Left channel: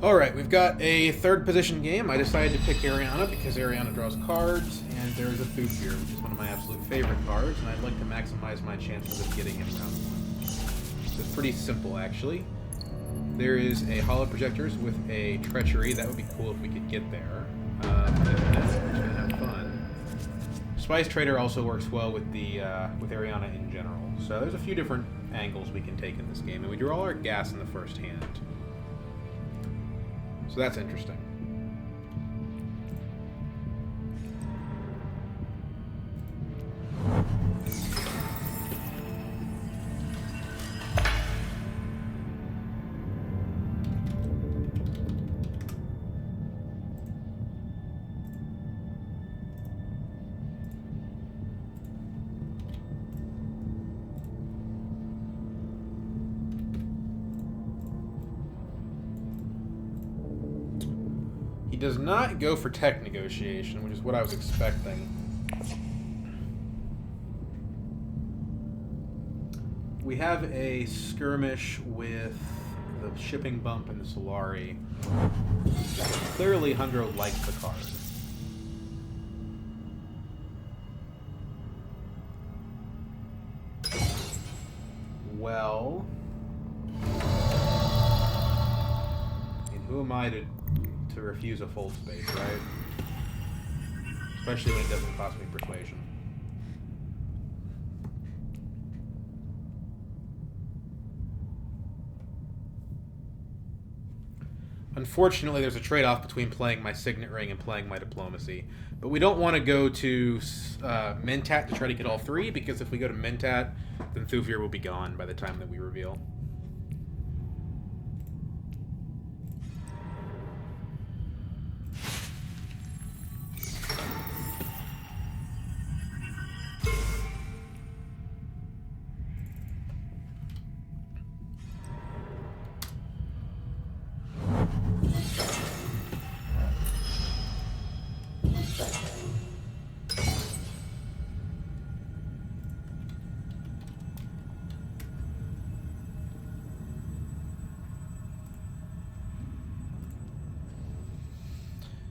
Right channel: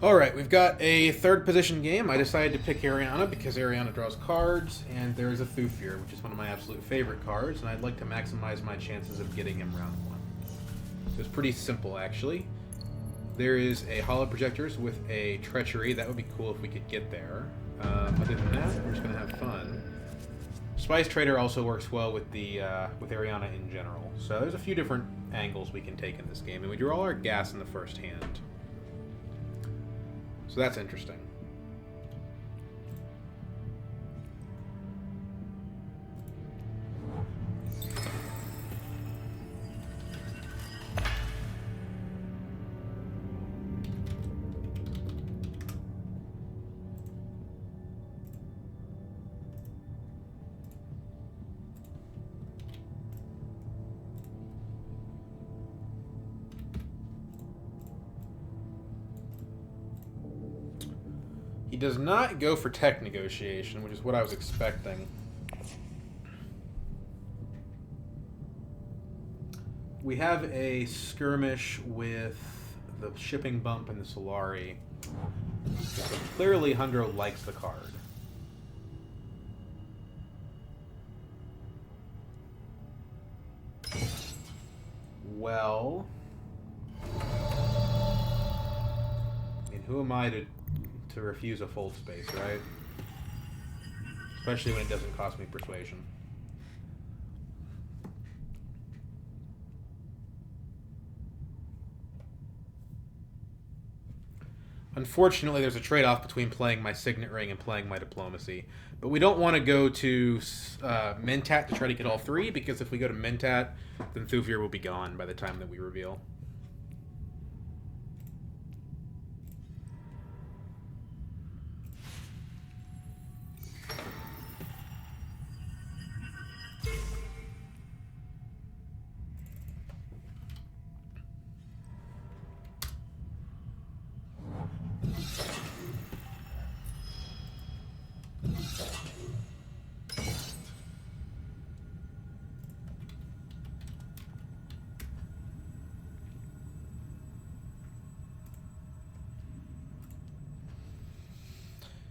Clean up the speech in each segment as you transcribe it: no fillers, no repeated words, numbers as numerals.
Alright, we've got a third position game. I decided to pick Ariana because Ariana draws cards, and there's a Thufir, which is one of my absolute favorite cards, and I'd like to maximize my chances of getting him round one. So it's pretty simple, actually. There is a Hollow Projectors with a Treachery. That would be cool if we could get there. Other than that, we're just going to have fun. Spice Trader also works well with the with Ariana in general. So there's a few different angles we can take in this game, and we draw all our gas in the first hand. So that's interesting. He does not go for tech negotiation, which is what I was expecting. We have a skirmish with the shipping bump and the Solari. Clearly, Hundro likes the card. Well, and who am I to refuse a fold space, right? Especially when it doesn't cost me persuasion. Unfortunately, there's a trade-off between playing my Signet Ring and playing my Diplomacy. But we don't want to go to Mentat to try to get all three, because if we go to Mentat, then Thufir will be gone by the time that we reveal.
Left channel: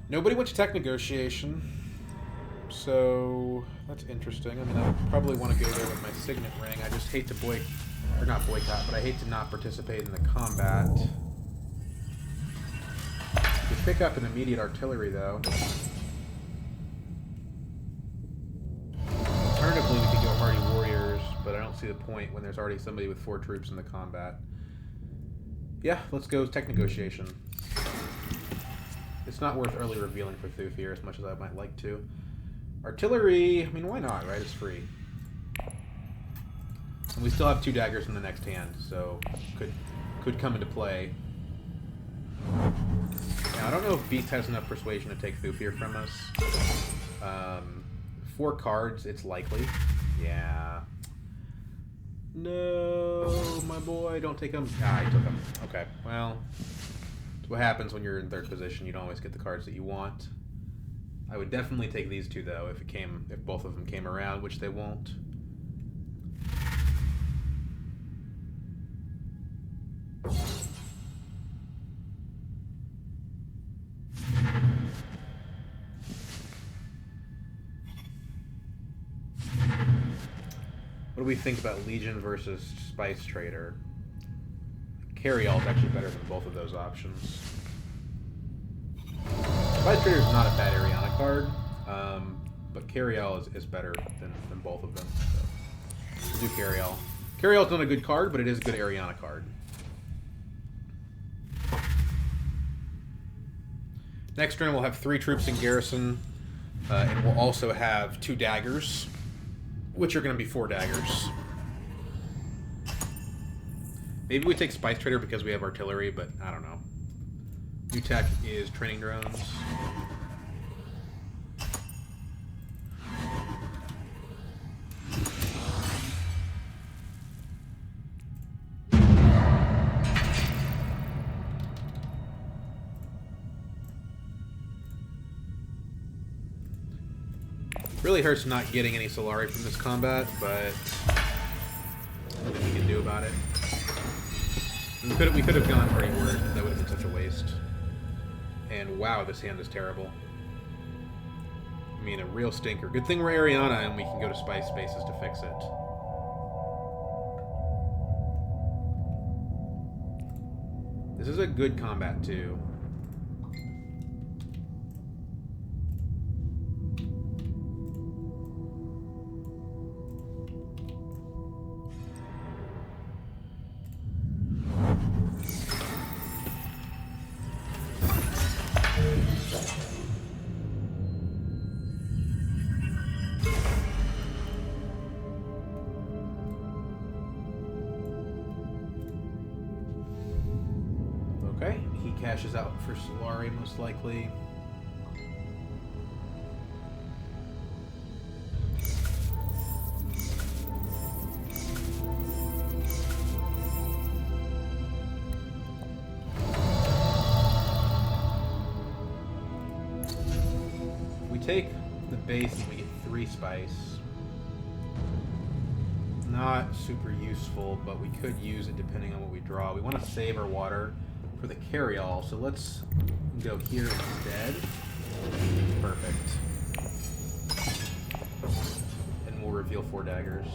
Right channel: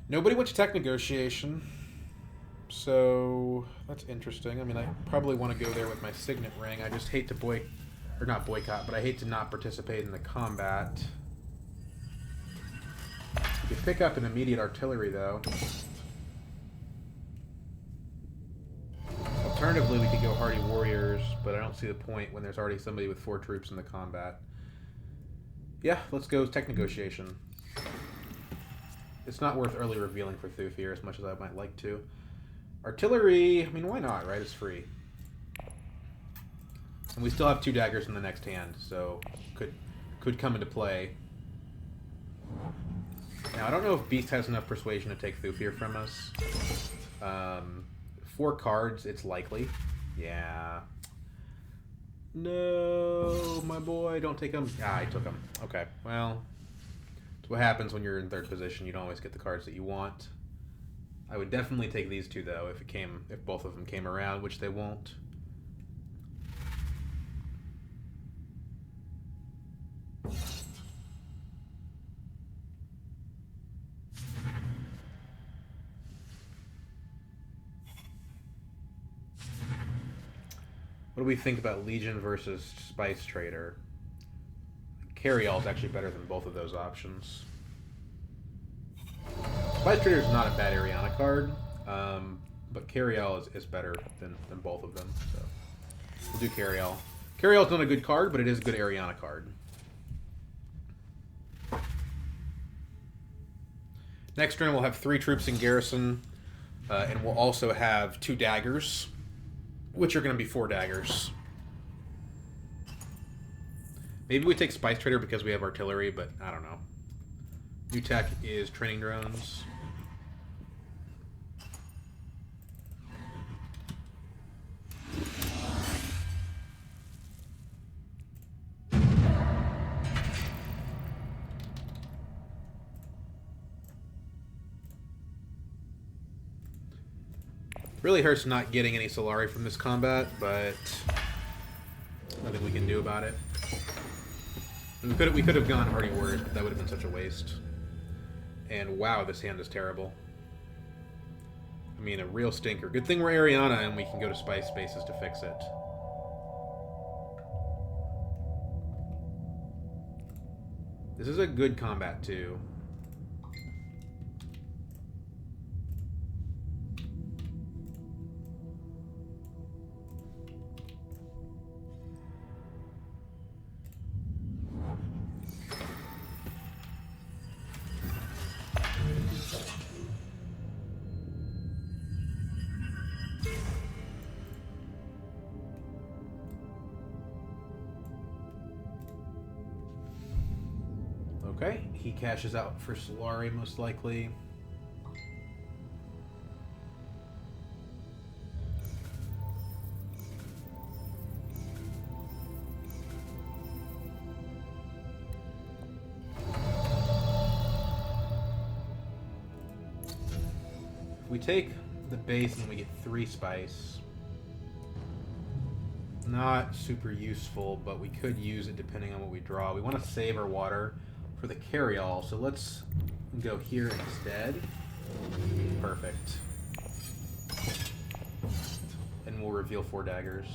Nobody went to tech negotiation, so that's interesting. I mean, I probably want to go there with my Signet Ring. I just hate to not boycott, but I hate to not participate in the combat. You could pick up an immediate artillery, though. Alternatively, we could go Hardy Warriors, but I don't see the point when there's already somebody with 4 troops in the combat. Yeah, let's go tech negotiation. It's not worth early revealing for Thufir as much as I might like to. Artillery, I mean, why not, right? It's free. And we still have 2 daggers in the next hand, so could come into play. Now, I don't know if Beast has enough persuasion to take Thufir from us. 4 cards, it's likely. Yeah. No, my boy, don't take him. Ah, he took him. Okay, well... what happens when you're in third position. You don't always get the cards that you want. I would definitely take these 2 though if both of them came around, which they won't. What do we think about Legion versus Spice Trader? Carryall is actually better than both of those options. Spice Trader is not a bad Ariana card, but Carryall is better than both of them. So we'll do Carryall. Carryall's not a good card, but it is a good Ariana card. Next turn we'll have 3 troops in garrison, and we'll also have 2 daggers, which are going to be 4 daggers. Maybe we take Spice Trader because we have artillery, but I don't know. New tech is training drones. Really hurts not getting any Solari from this combat, but nothing we can do about it. And we could have gone Hardy Warriors, but that would have been such a waste. And wow, this hand is terrible. I mean, a real stinker. Good thing we're Ariana and we can go to Spice Spaces to fix it. This is a good combat, too. Okay, he cashes out for Solari, most likely. We take the base and we get 3 spice. Not super useful, but we could use it depending on what we draw. We want to save our water for the carry-all, so let's go here instead. Perfect. And we'll reveal 4 daggers.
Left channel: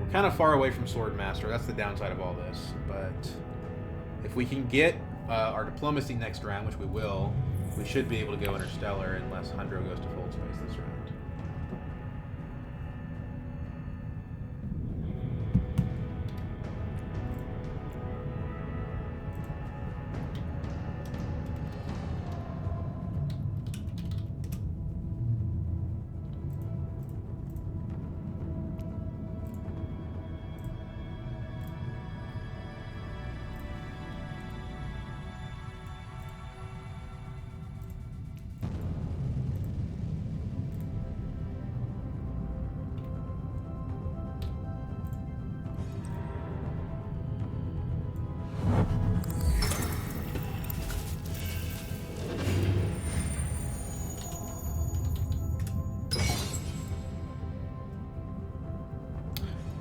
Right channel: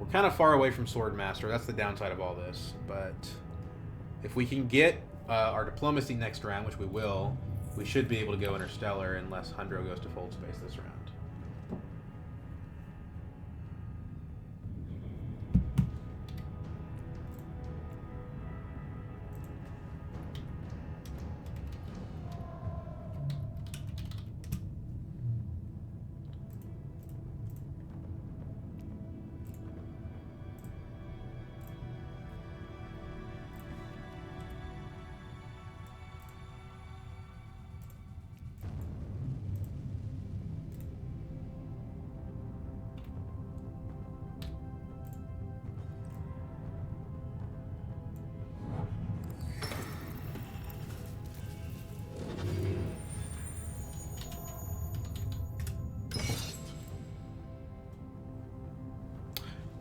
We're kind of far away from Swordmaster. That's the downside of all this. But if we can get our Diplomacy next round, which we will, we should be able to go Interstellar unless Hundro goes to Fold Space this round.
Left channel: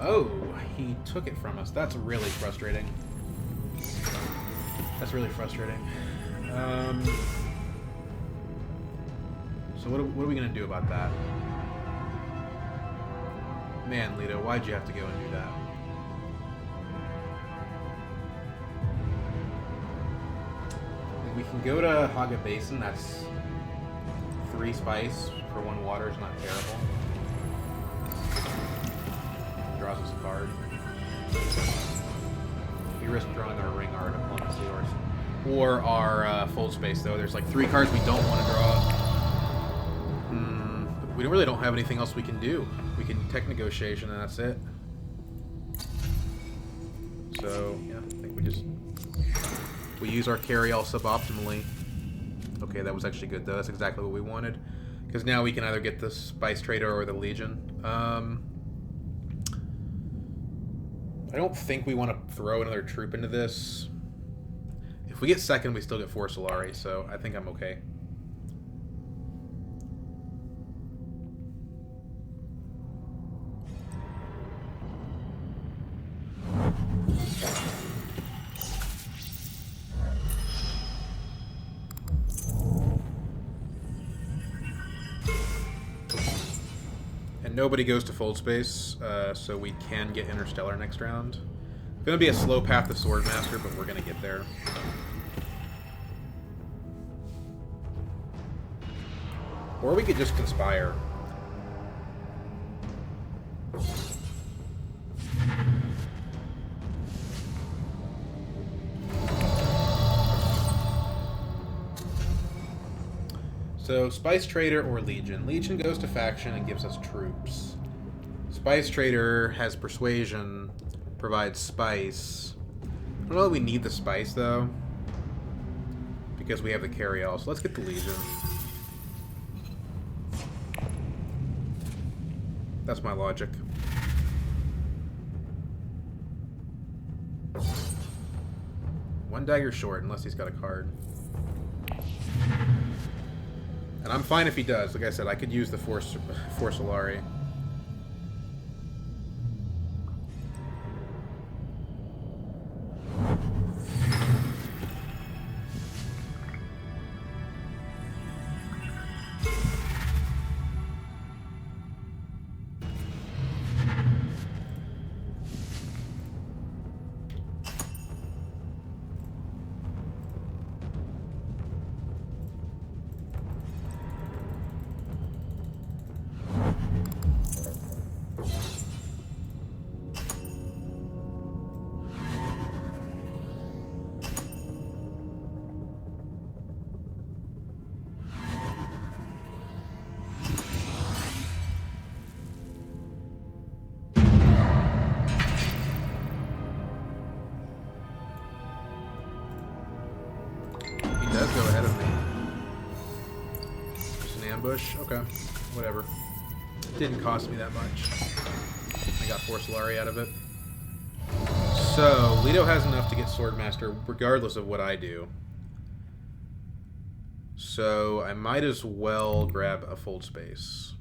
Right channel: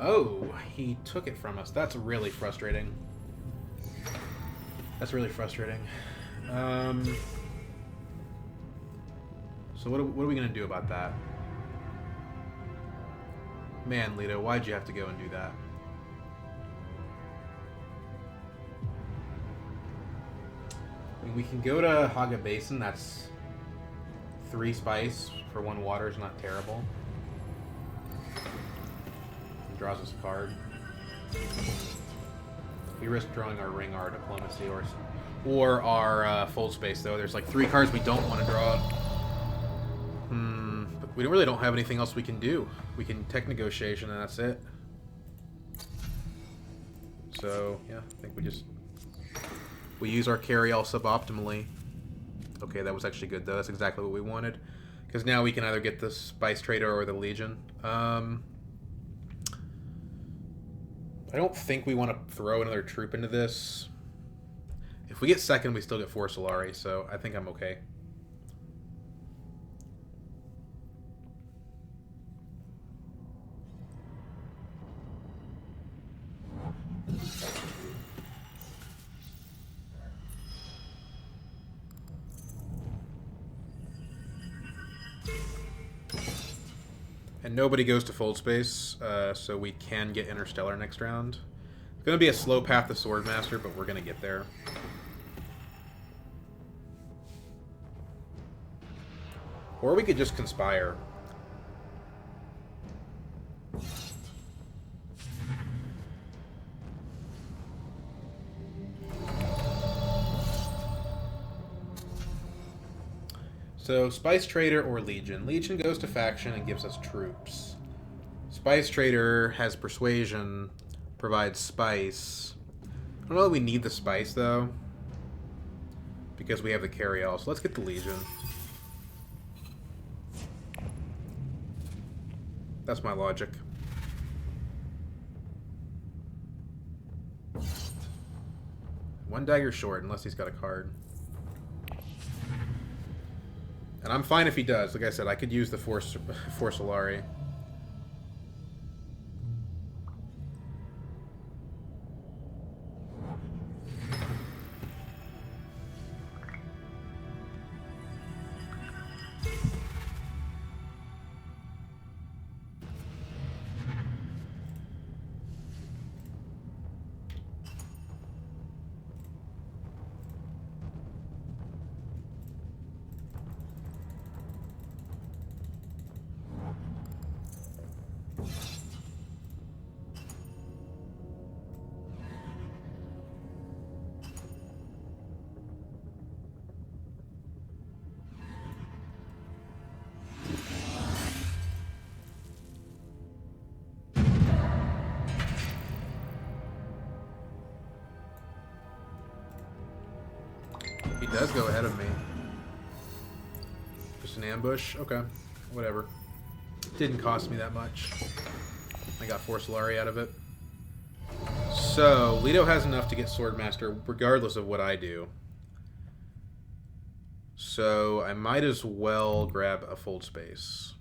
Oh, he took it from us. That's really frustrating. That's really frustrating. So what are we going to do about that? Man, Lito, why'd you have to go and do that? I mean, we can go to Haga Basin. That's 3 spice for 1 water is not terrible. Draws us a card. We risk drawing our Ring, our Diplomacy, or our Fold Space, though. There's like 3 cards we don't want to draw. But we really don't have anything else we can do. We can Tech Negotiation, and that's it. So, yeah, I think we use our carry-all suboptimally. Okay, that was actually good, though. That's exactly what we wanted. Because now we can either get the Spice Trader or the Legion. I don't think we want to throw another troop into this. If we get second, we still get 4 Solari, so I think I'm okay. And nobody goes to Fold Space, so we can get Interstellar next round. It's going to be a slow path to Swordmaster, but we're going to get there. Or we could just Conspire. So, Spice Trader or Legion. Legion goes to faction and gives us troops. Spice Trader has Persuasion, provides Spice. I don't know that we need the Spice, though, because we have the carry-all. So let's get the Legion. That's my logic. One dagger short, unless he's got a card. And I'm fine if he does. Like I said, I could use the 4 Solari. go ahead of me. Just an ambush? Okay. Whatever. Didn't cost me that much. I got 4 Solari out of it. So, Leto has enough to get Swordmaster regardless of what I do. So, I might as well grab a Fold Space.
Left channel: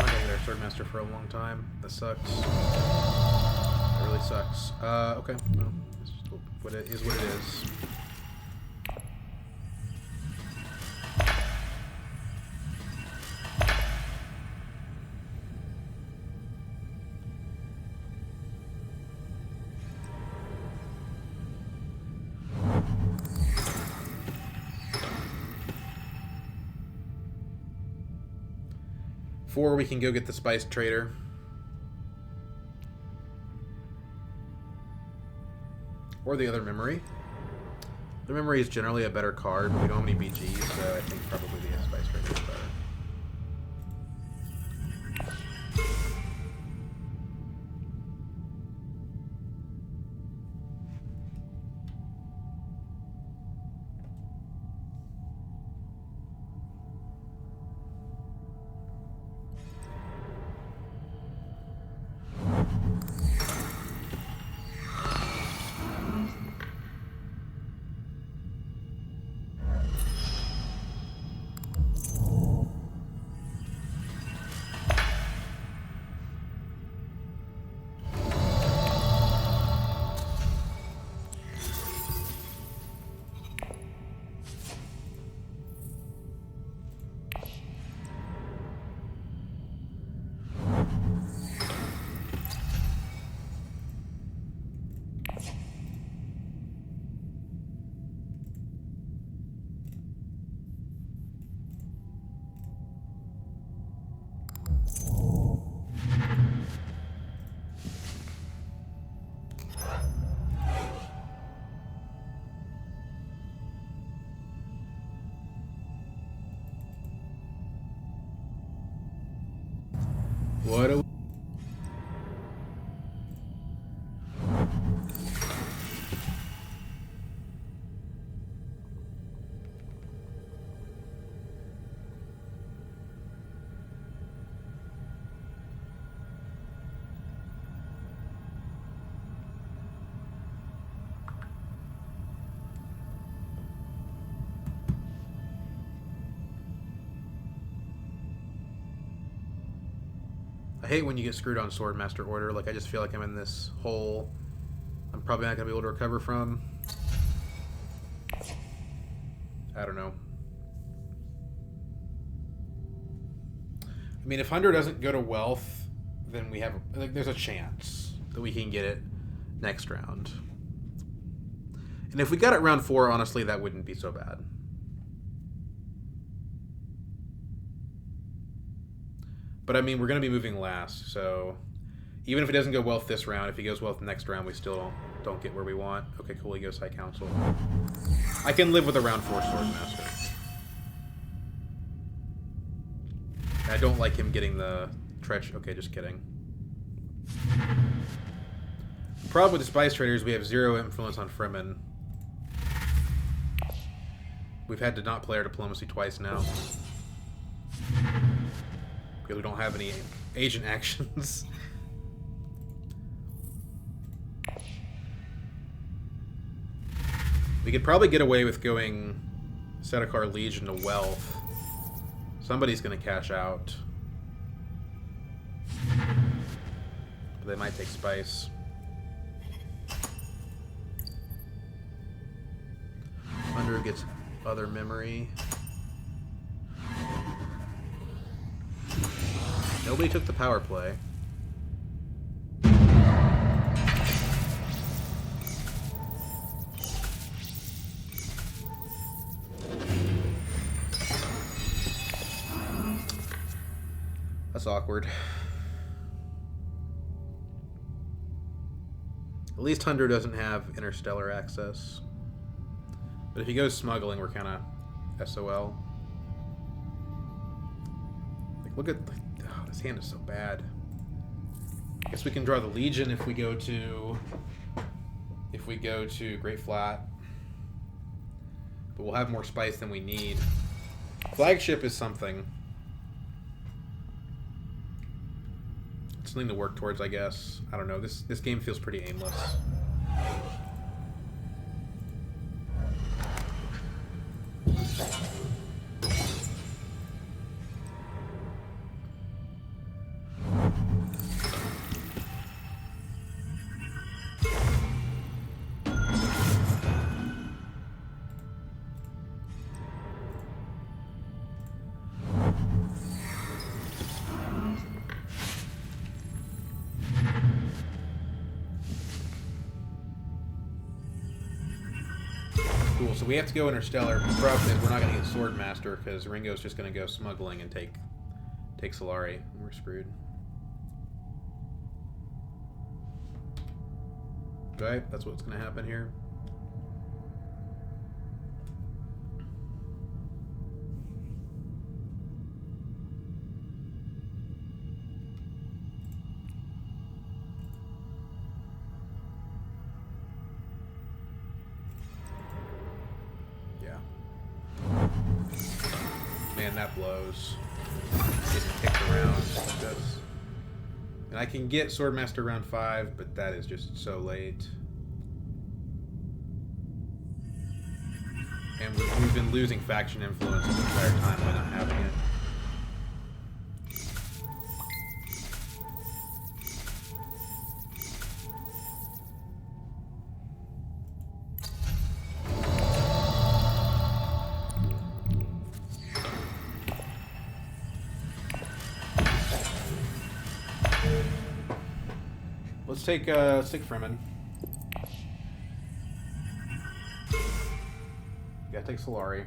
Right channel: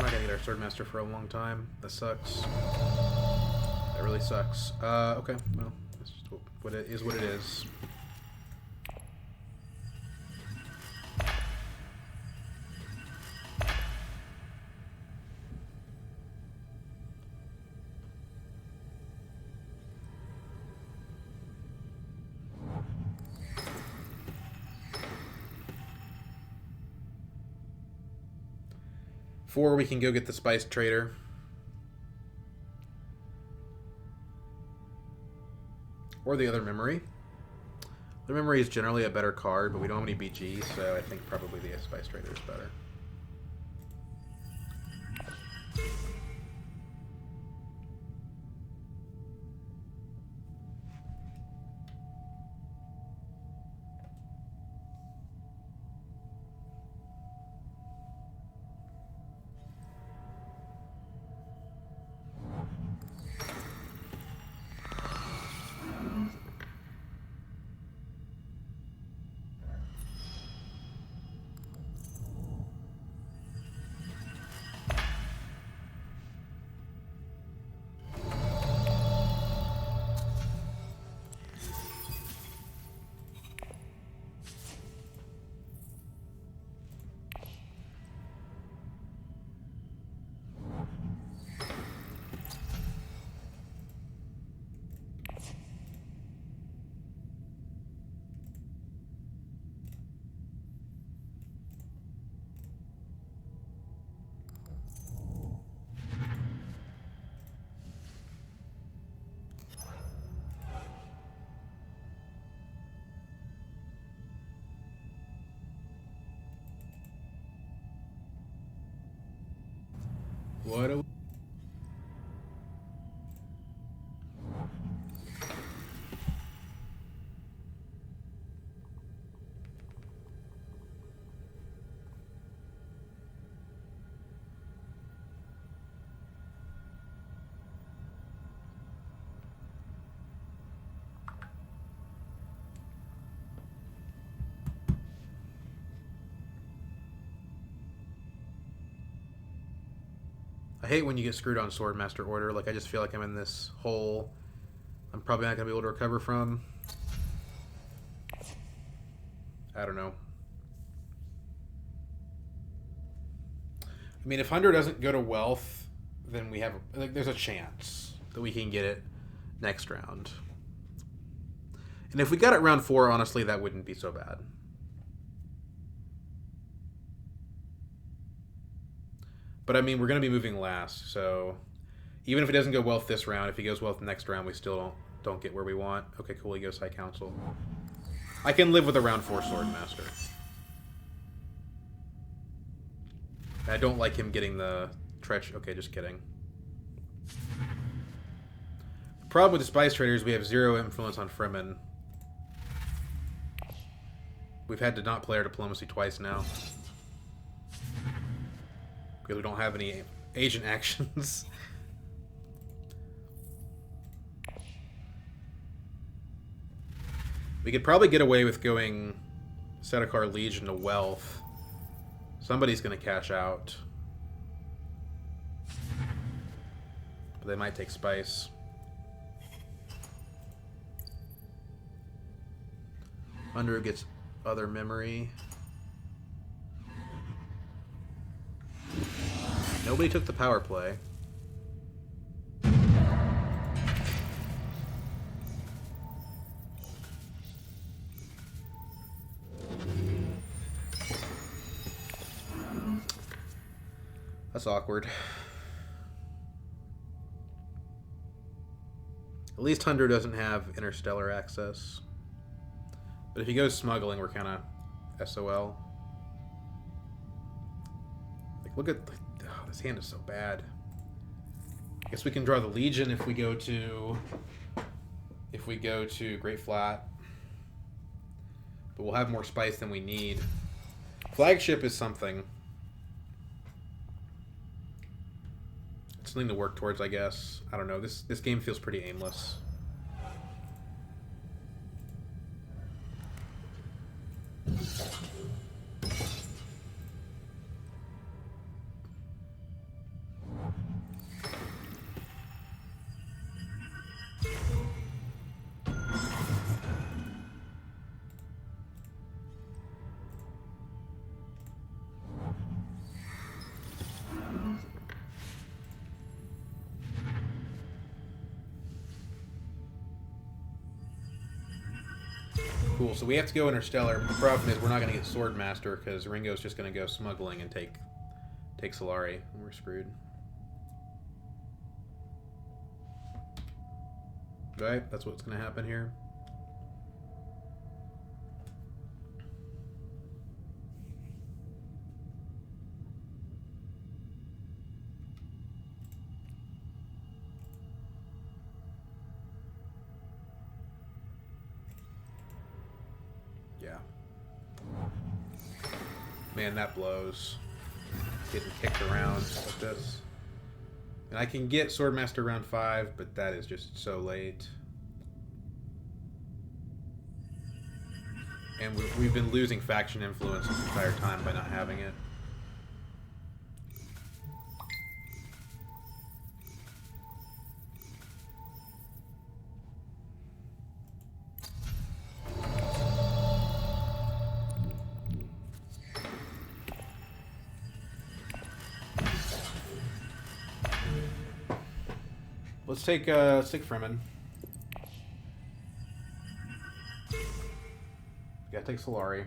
I'm not gonna get our Swordmaster for a long time. That sucks. That really sucks. Okay. Well, that's just what it is. What it is. Four, we can go get the Spice Trader. Or the other memory. The memory is generally a better card, but we don't have any BGs, so I think probably the Spice Trader is better. What a... I hate when you get screwed on Swordmaster order. Like, I just feel like I'm in this hole I'm probably not going to be able to recover from. I don't know. I mean, if Hunter doesn't go to Wealth, then we have... Like, there's a chance that we can get it. next round. And if we got it round 4, honestly, that wouldn't be so bad. But I mean, we're going to be moving last, so even if it doesn't go well this round, if he goes well the next round, we still don't get where we want. Okay, cool, he goes High Council. I can live with a round 4 Swordmaster. I don't like him getting the Tretch. Okay, just kidding. The problem with the Spice Traders, we have 0 influence on Fremen. We've had to not play our diplomacy twice now. Because we don't have any agent actions. We could probably get away with going Sedekar Legion to Wealth. Somebody's going to cash out. But they might take Spice. Under gets other memory. Nobody took the power play. That's awkward. At least Hunter doesn't have interstellar access. But if he goes smuggling, we're kind of SOL. Like, look at... Oh, this hand is so bad. I guess we can draw the Legion if we go to... Great Flat. But we'll have more spice than we need. Flagship is something. It's something to work towards, I guess. I don't know. This game feels pretty aimless. Cool, so we have to go Interstellar. The problem is we're not going to get Swordmaster because Ringo's just going to go smuggling and take Solari. And we're screwed. Right? That's what's going to happen here. Man, that blows. Getting kicked around like this. And I can get Swordmaster round 5, but that is just so late. And we've been losing faction influence the entire time by not having it. Let's take Fremen. Gotta take Solari.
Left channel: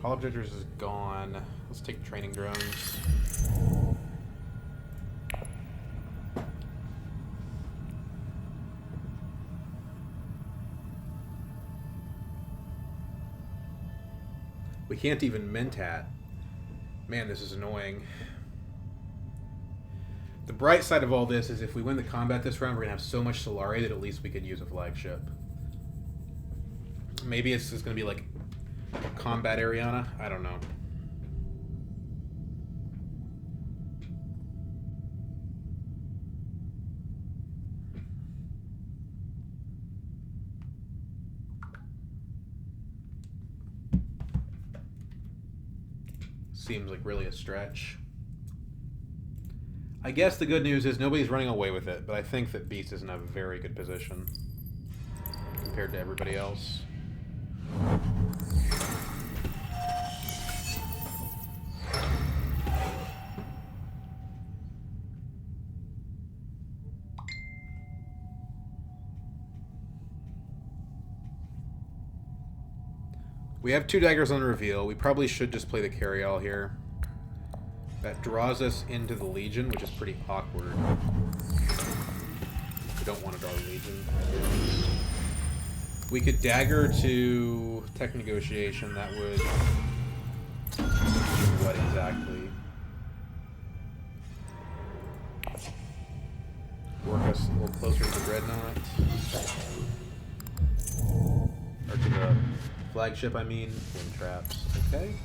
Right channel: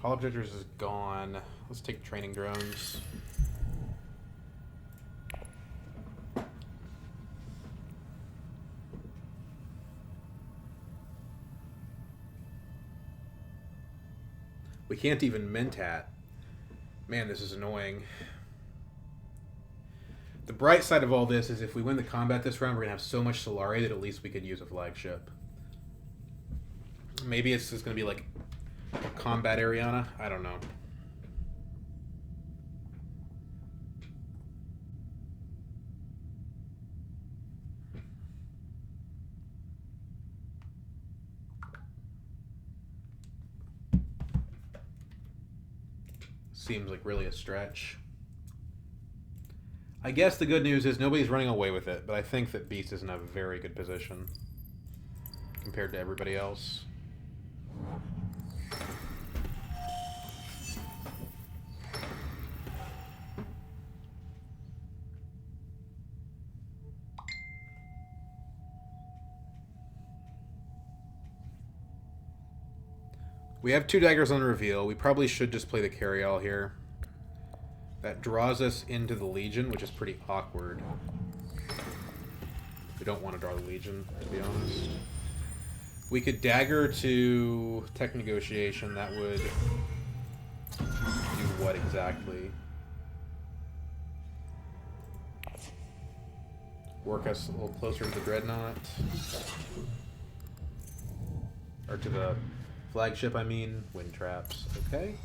Hall Objectors is gone. Let's take training drones. We can't even Mentat. Man, this is annoying. The bright side of all this is if we win the combat this round, we're going to have so much Solari that at least we could use a flagship. Maybe it's just going to be like combat Ariana. I don't know. Seems like really a stretch. I guess the good news is nobody's running away with it, but I think that Beast is in a very good position compared to everybody else. We have 2 daggers on reveal. We probably should just play the carry-all here. That draws us into the Legion, which is pretty awkward. We don't want to draw the Legion, to be honest. We could dagger to Tech Negotiation. That would do what exactly? Work us a little closer to the Dreadnought. Or to the flagship, I mean. Wind traps. Okay.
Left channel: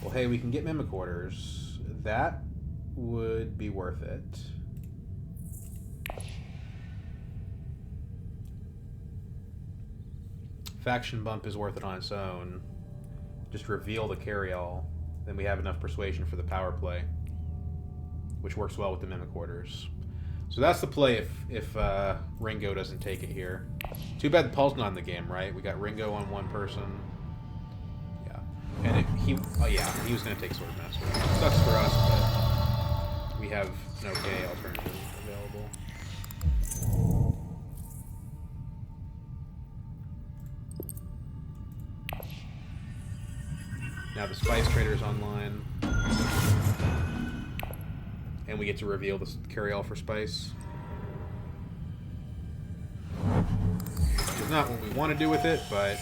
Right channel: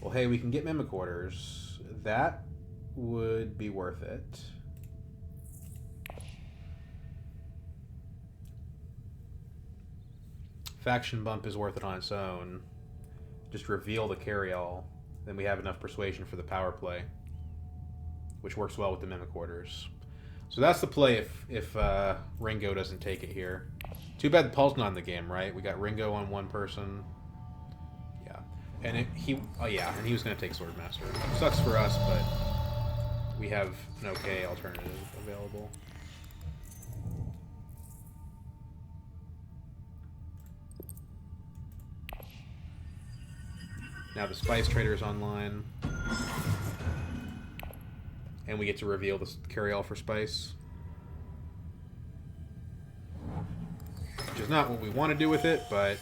Well, hey, we can get Mimicorders. That would be worth it. Faction bump is worth it on its own. Just reveal the carry-all. Then we have enough persuasion for the power play, which works well with the Mimicorders. So that's the play if Ringo doesn't take it here. Too bad Paul's not in the game, right? We got Ringo on one person. Yeah. And he was going to take Swordmaster. Sucks for us, but we have an okay alternative available. Now the Spice Trader is online. And we get to reveal the carry-all for Spice. Which is not what we want to do with it, but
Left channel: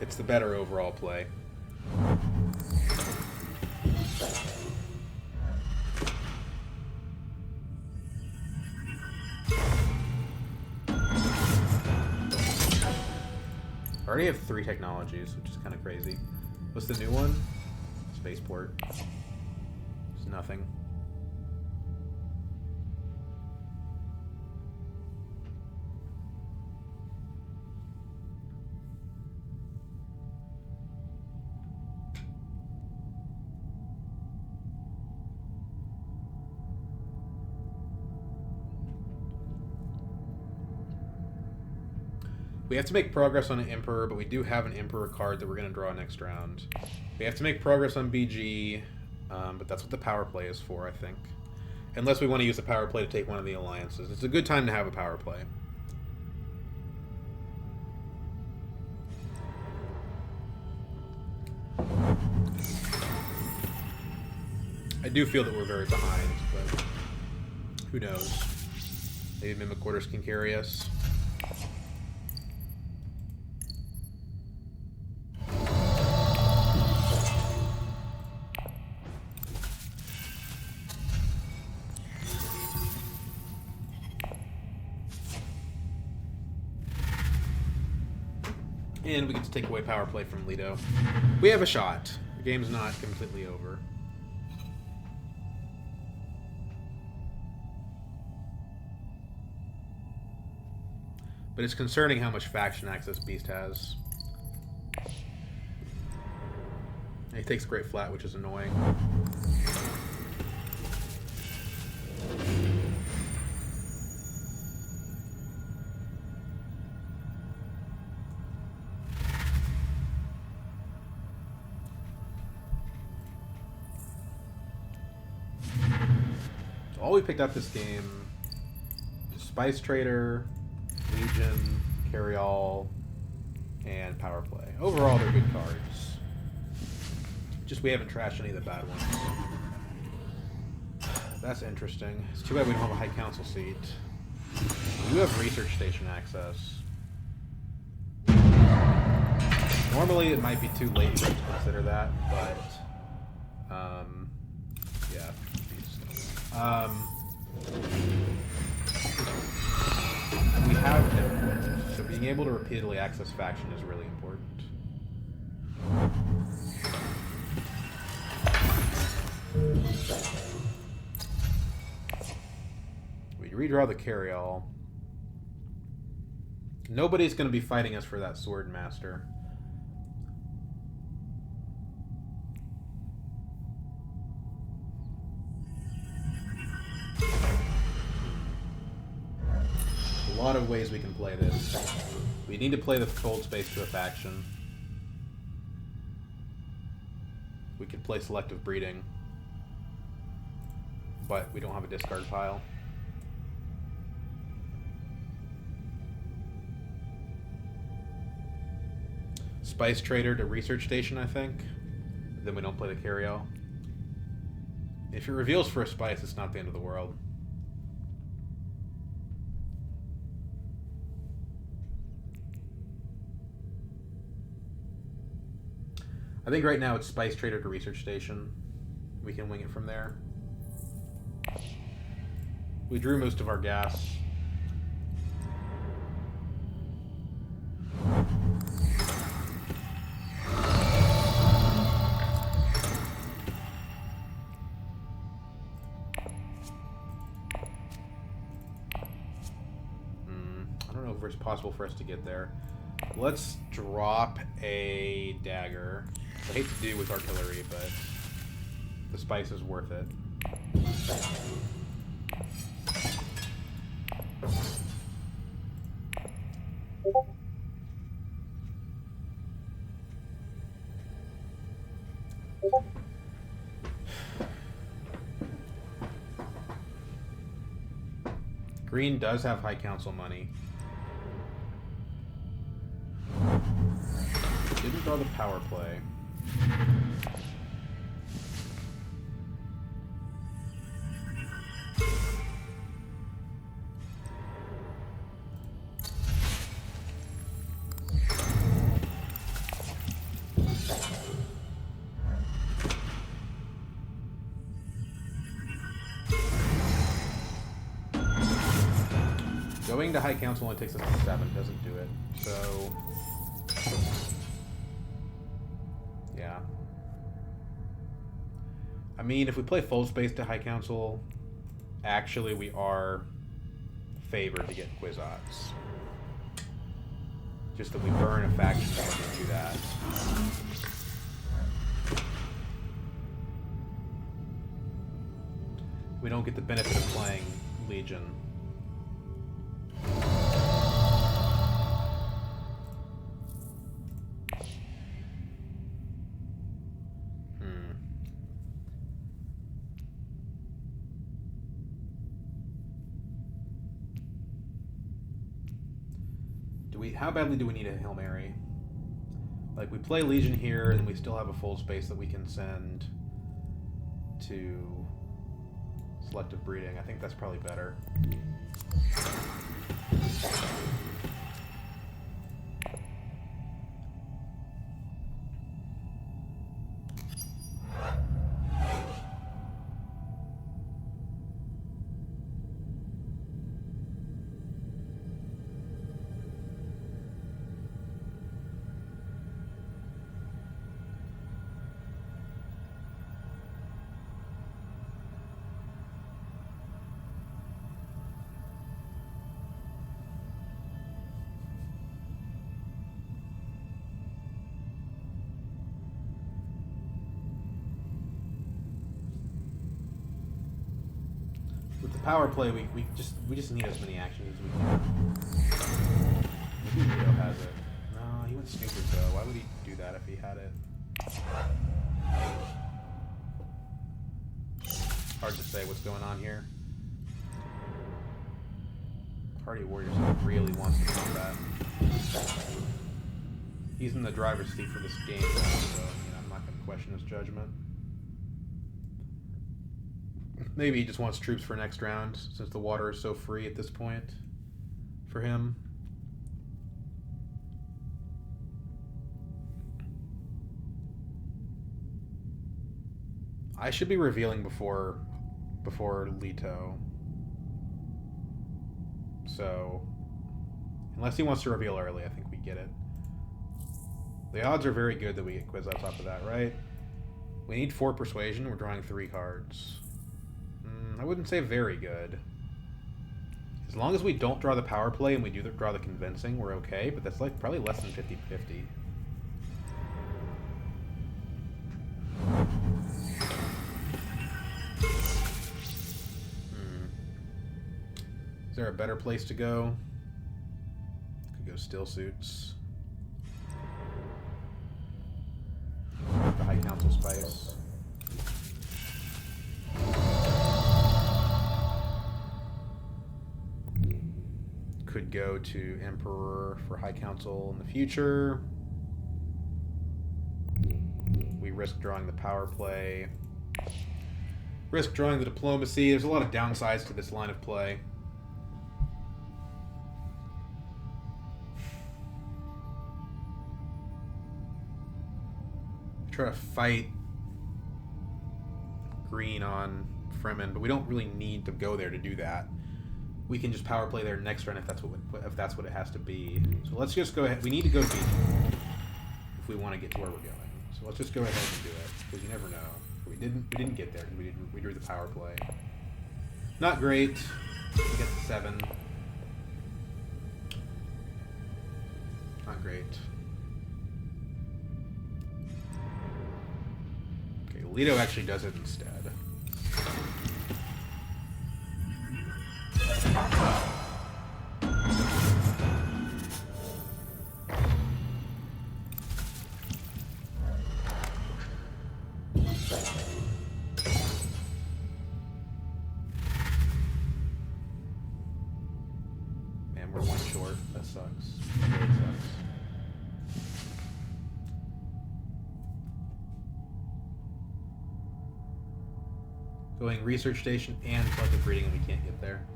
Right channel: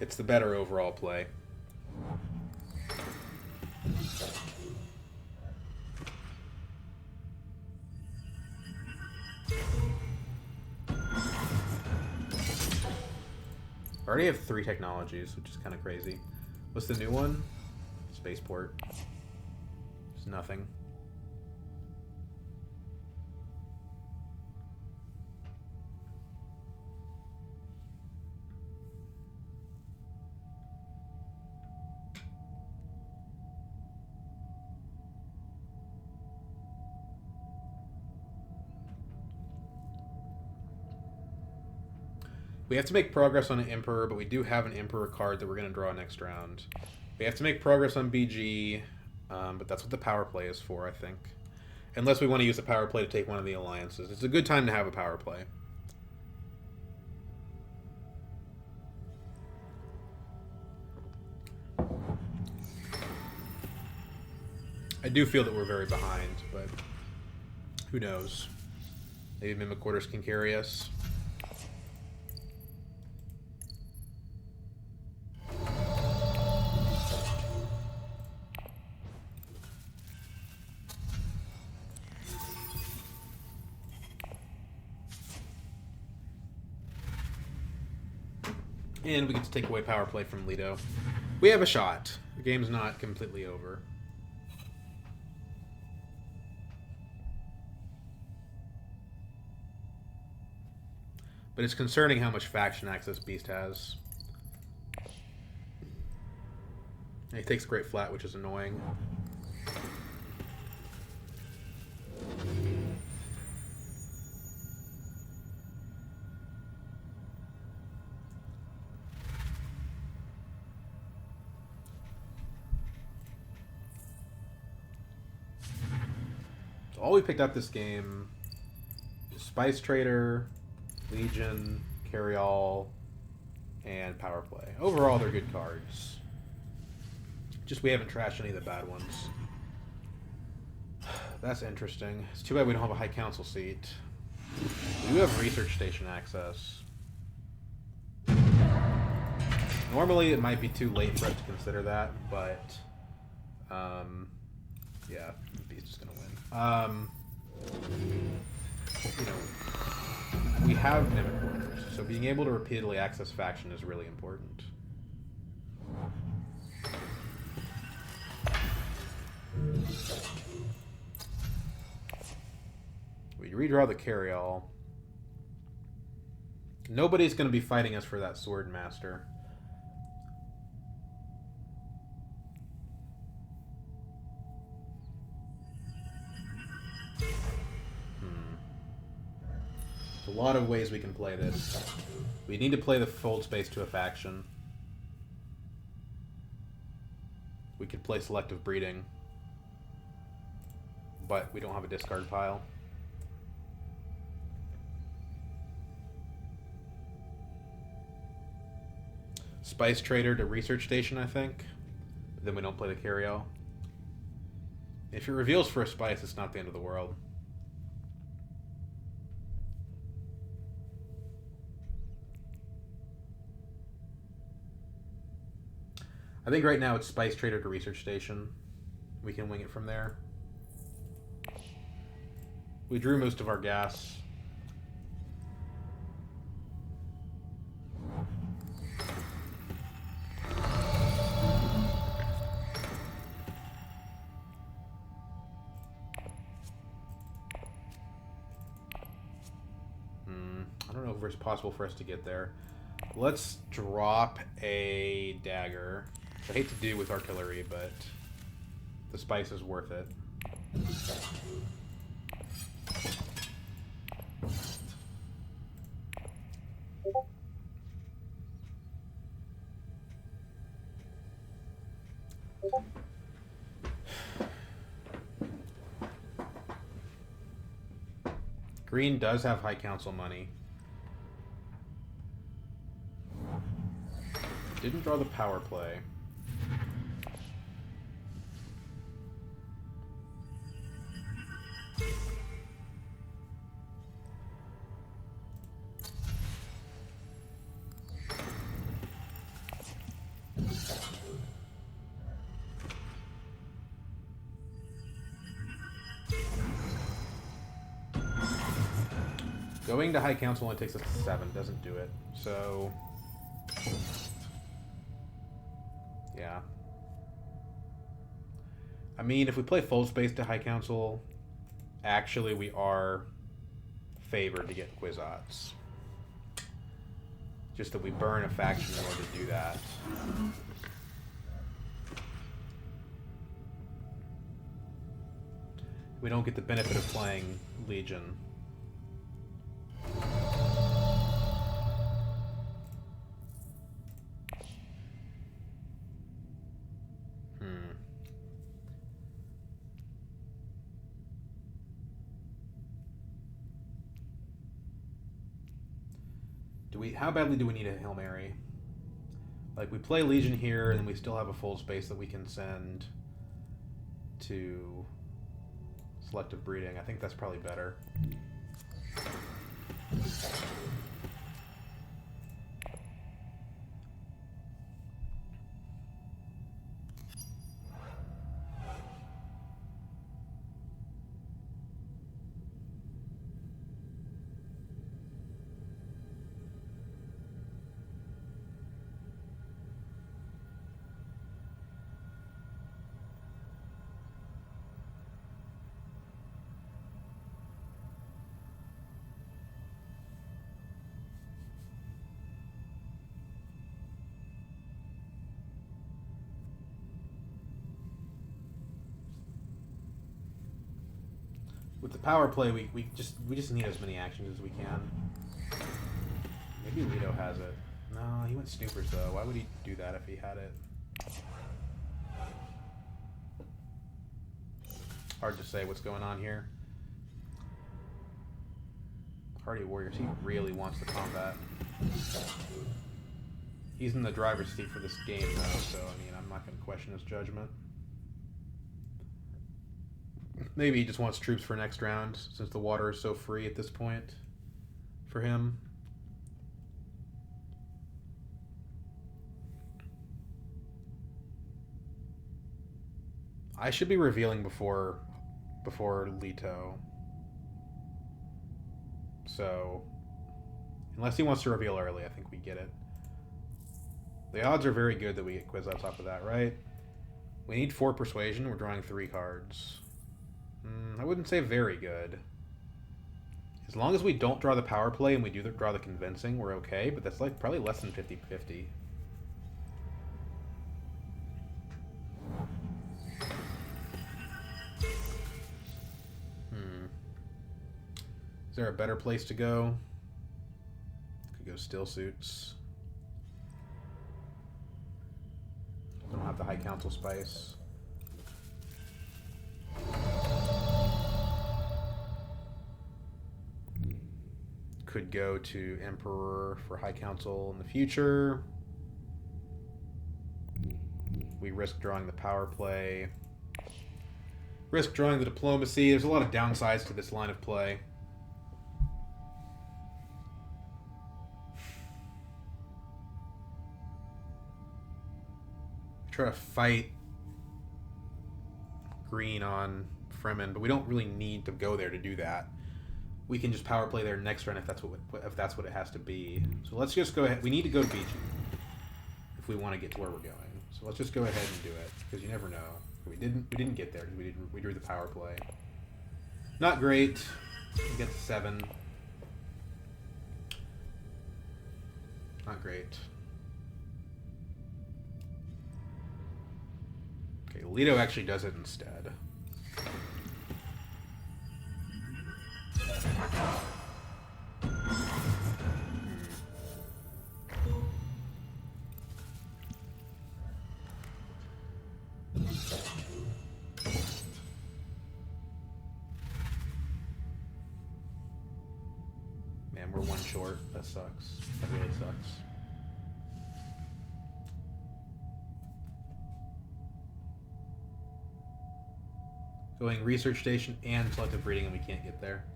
it's the better overall play. I already have 3 technologies, which is kind of crazy. What's the new one? Spaceport. It's nothing. We have to make progress on an Emperor, but we do have an Emperor card that we're going to draw next round. We have to make progress on BG, but that's what the power play is for, I think. Unless we want to use the power play to take one of the alliances. It's a good time to have a power play. I do feel that we're very behind, but who knows? Maybe Mimicorders can carry us. And we get to take away power play from Lido. We have a shot. The game's not completely over. But it's concerning how much faction access Beast has. And he takes Great Flat, which is annoying. All we picked up this game is Spice Trader, Legion, Carry-All, and Power Play. Overall, they're good cards. Just we haven't trashed any of the bad ones. That's interesting. It's too bad we don't have a High Council seat. We do have Research Station access. Normally, it might be too late for us to consider that, but yeah, Beast is gonna win. You know, we have Mimicorders, so being able to repeatedly access faction is really important. We redraw the carry-all. Nobody's going to be fighting us for that Sword Master. A lot of ways we can play this. We need to play the fold space to a faction. We could play selective breeding, but we don't have a discard pile. Spice Trader to Research Station, I think. Then we don't play the carry-all. If it reveals for a spice, it's not the end of the world. I think right now it's Spice Trader to Research Station. We can wing it from there. We drew most of our gas. I don't know if it's possible for us to get there. Let's drop a dagger. I hate to do with artillery, but the spice is worth it. Green does have High Council money. Didn't draw the power play. Going to High Council only takes us to 7, doesn't do it. So, yeah. I mean, if we play full space to High Council, actually we are favored to get Kwisatz. Just that we burn a faction in order to do that. We don't get the benefit of playing Legion. How badly do we need a Hail Mary? Like, we play Legion here, and we still have a full space that we can send to selective breeding. I think that's probably better. With the power play, we just need as many actions as we can. Maybe Lito has it. No, he went Snoopers though. Why would he do that if he had it? Hard to say what's going on here. Hardy Warriors, he really wants the combat. He's in the driver's seat for this game though, so I mean, I'm not going to question his judgment. Maybe he just wants troops for next round, since the water is so free at this point for him. I should be revealing before Leto. So, unless he wants to reveal early, I think we get it. The odds are very good that we get Kwisatz off of that, right? We need 4 persuasion. We're drawing 3 cards. I wouldn't say very good. As long as we don't draw the power play and we do draw the convincing, we're okay, but that's like probably less than 50-50. Is there a better place to go? Could go Still Suits. Not the High Council Spice. Could go to Emperor for High Council in the future. risk drawing the power play. Risk drawing the diplomacy. There's a lot of downsides to this line of play. Try to fight green on Fremen, but we don't really need to go there to do that. We can just power play there next turn if that's what it has to be. So let's just go ahead. We need to go to beach if we want to get to where we're going. So let's just go ahead and do it, because you never know. We didn't get there because we drew the power play. Not great. We get to 7. Not great. Okay, Leto actually does it instead. Man, we're 1 short. That sucks. That really sucks. Going research station and selective breeding, and we can't get there.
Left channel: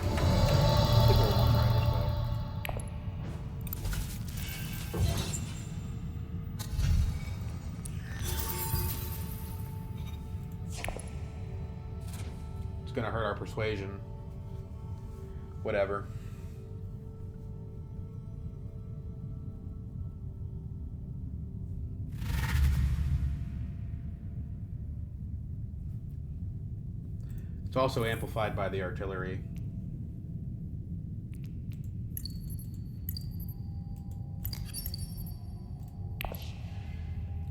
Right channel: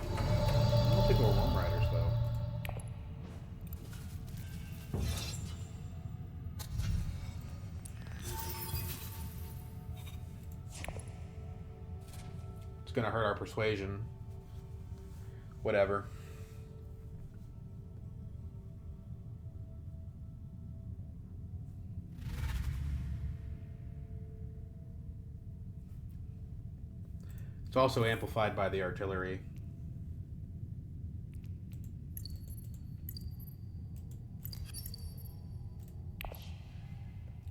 I don't think we're 1 riders though. It's gonna hurt our persuasion. Whatever. It's also amplified by the artillery.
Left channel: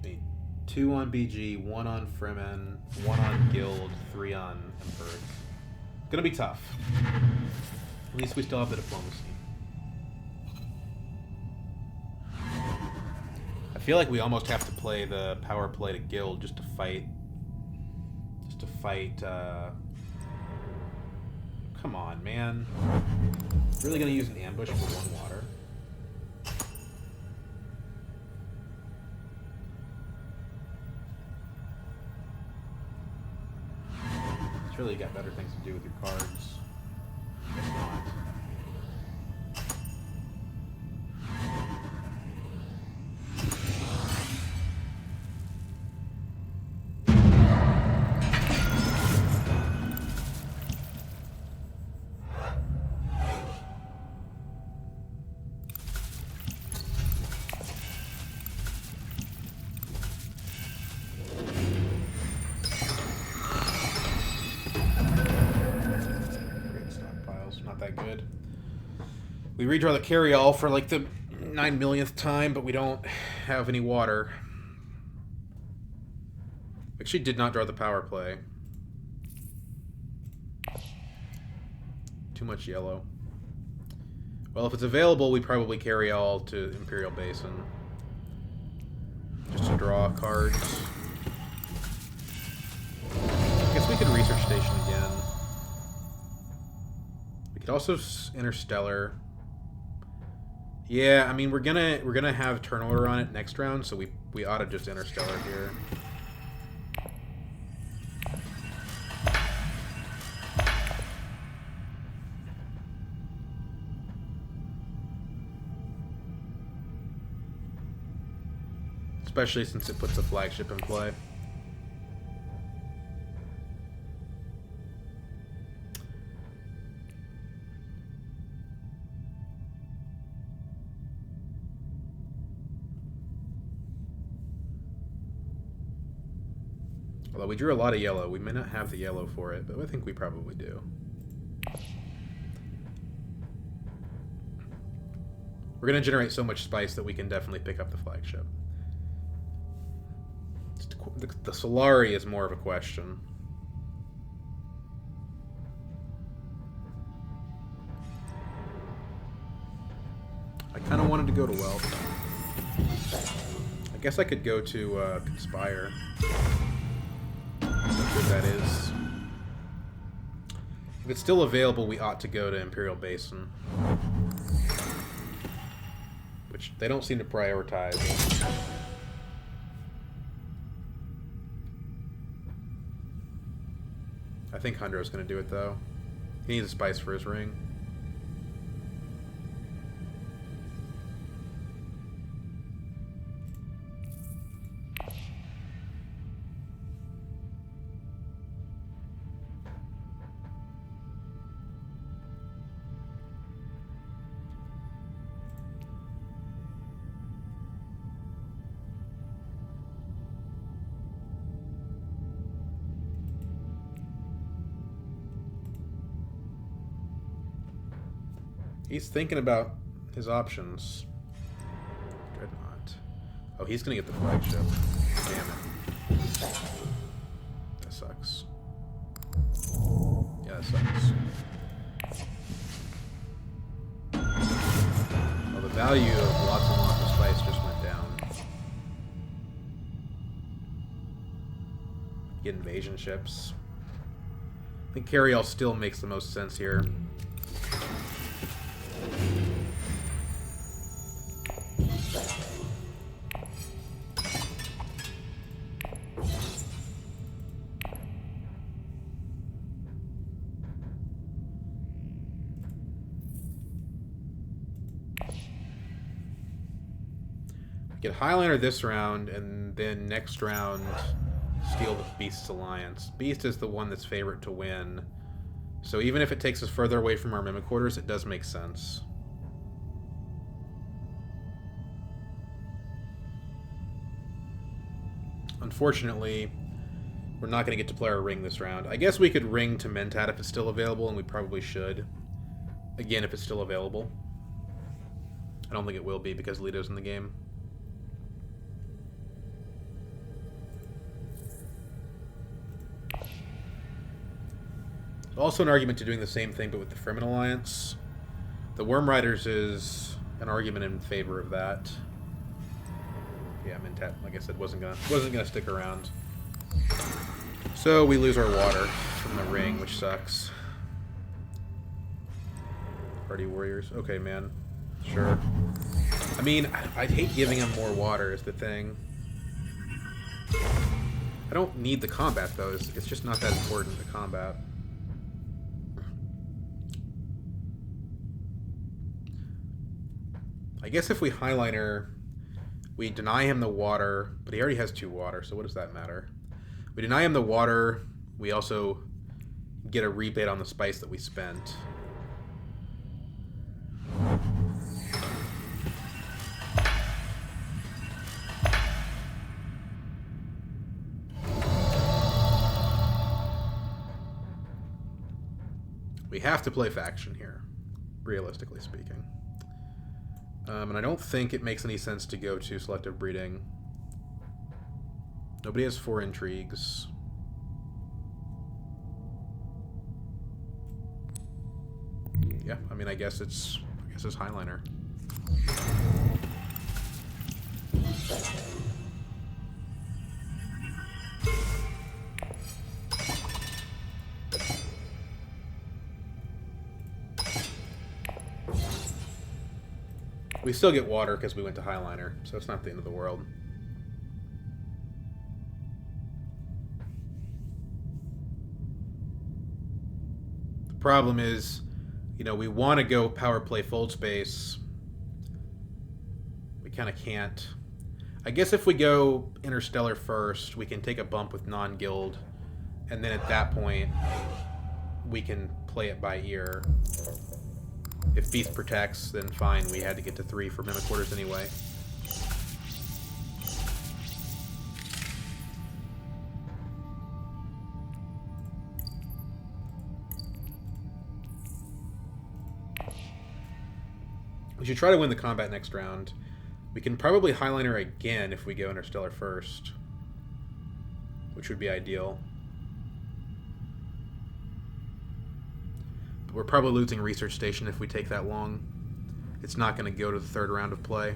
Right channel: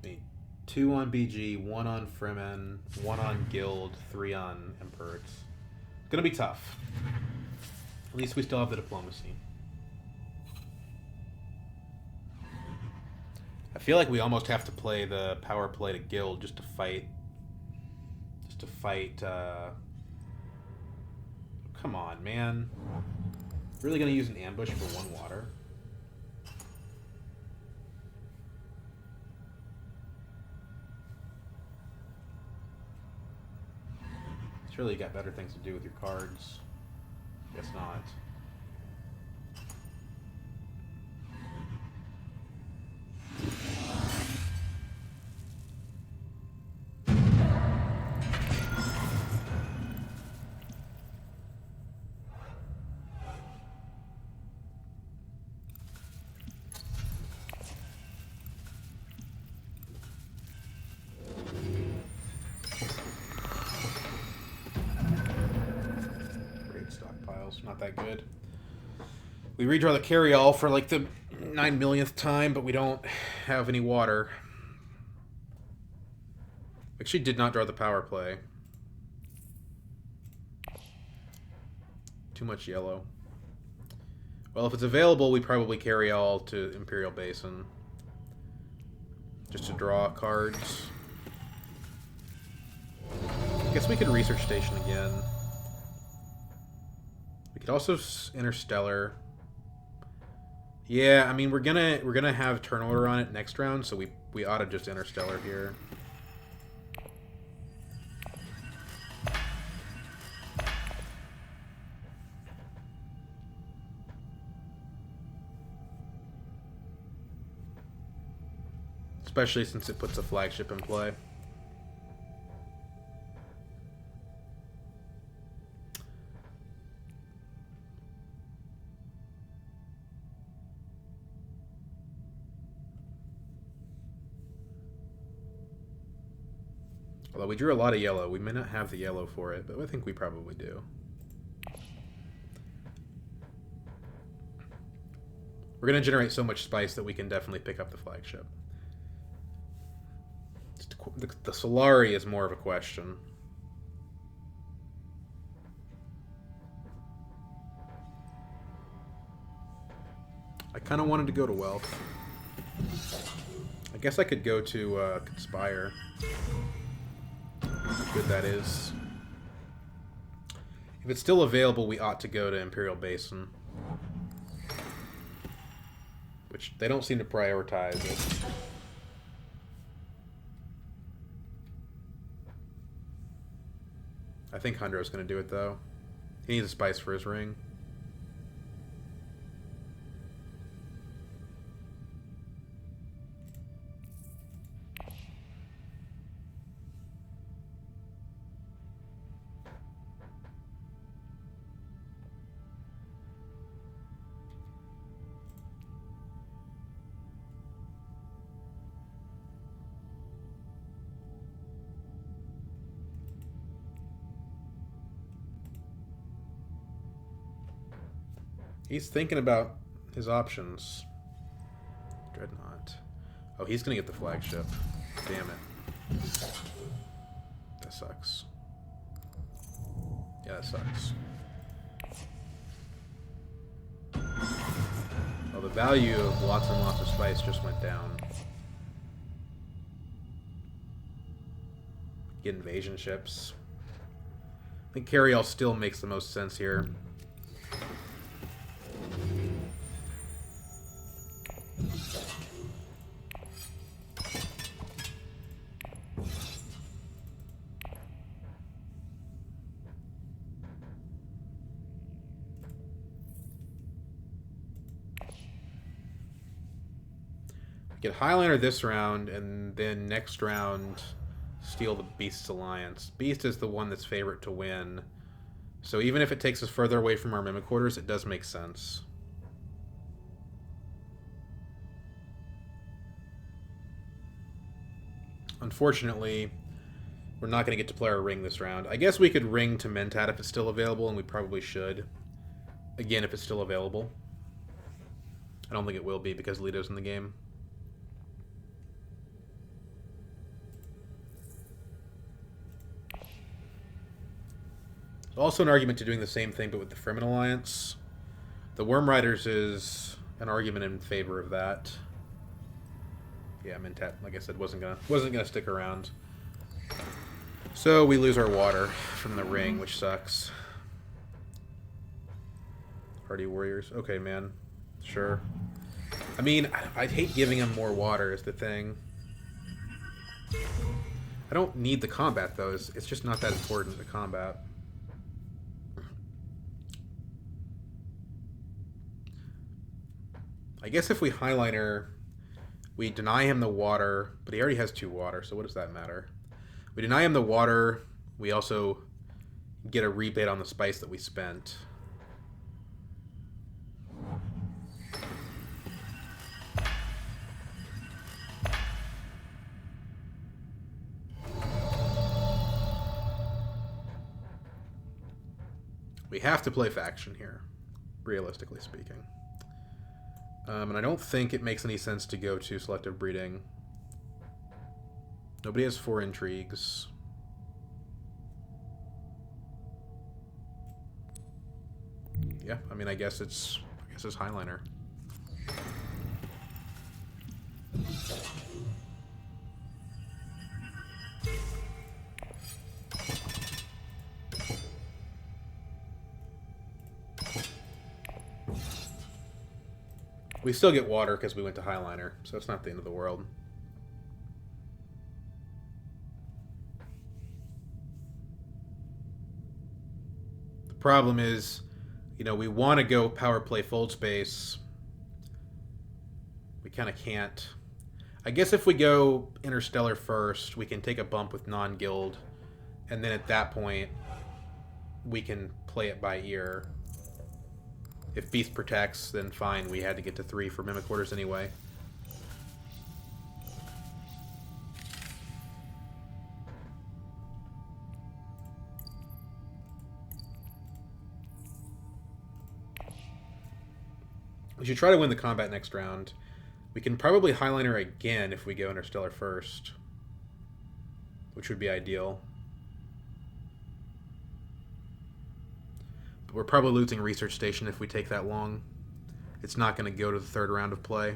Need 2 on BG, 1 on Fremen, 1 on Guild, 3 on Emperor. It's gonna be tough. At least we still have the diplomacy. I feel like we almost have to play the power play to Guild just to fight. Come on, man. Really gonna use an ambush for 1 water? Surely you got better things to do with your cards. Guess not. Not that good. We redraw the carry-all for like the 9 millionth time, but we don't have any water. Actually did not draw the power play. Too much yellow. Well, if it's available, we probably carry all to Imperial Basin. Just to draw cards. I guess we could research station again. We could also Interstellar. Yeah, I mean we're gonna have turn order on it next round, so we ought to just Interstellar here. Especially since it puts a flagship in play. Although we drew a lot of yellow. We may not have the yellow for it, but I think we probably do. We're going to generate so much spice that we can definitely pick up the flagship. The Solari is more of a question. I kind of wanted to go to Wealth. I guess I could go to Conspire. How good that is. If it's still available, we ought to go to Imperial Basin. which they don't seem to prioritize it. I think Hundro's going to do it, though. He needs a spice for his ring. He's thinking about his options. Dreadnought. Oh, he's gonna get the flagship. Damn it. That sucks. Yeah, that sucks. Well, the value of lots and lots of spice just went down. Get invasion ships. I think Carryall still makes the most sense here. Get Highliner this round, and then next round, steal the Beast's Alliance. Beast is the one that's favorite to win. So even if it takes us further away from our Mimic Quarters, it does make sense. Unfortunately, we're not going to get to play our ring this round. I guess we could ring to Mentat if it's still available, and we probably should. Again, if it's still available. I don't think it will be because Leto's in the game. There's also an argument to doing the same thing, but with the Fremen Alliance. The Worm Riders is an argument in favor of that. Yeah, Mentat, like I said, wasn't gonna stick around. So we lose our water from the ring, which sucks. Hardy Warriors. Okay, man. Sure. I mean, I'd hate giving him more water is the thing. I don't need the combat, though. It's just not that important, the combat. I guess if we Highliner, we deny him the water, but he already has 2 water, so what does that matter? We deny him the water, we also get a rebate on the spice that we spent. We have to play faction here, realistically speaking. And I don't think it makes any sense to go to selective breeding. Nobody has 4 intrigues. Yeah, I mean, I guess it's Highliner. We still get water because we went to Highliner, so it's not the end of the world. The problem is, you know, we want to go power play fold space. We kind of can't. I guess if we go Interstellar first, we can take a bump with non-guild, and then at that point, we can play it by ear. If Beast protects, then fine, we had to get to 3 for Mimic Quarters anyway. We should try to win the combat next round. We can probably Highliner again if we go Interstellar first, which would be ideal. We're probably losing Research Station if we take that long. It's not going to go to the 3rd round of play.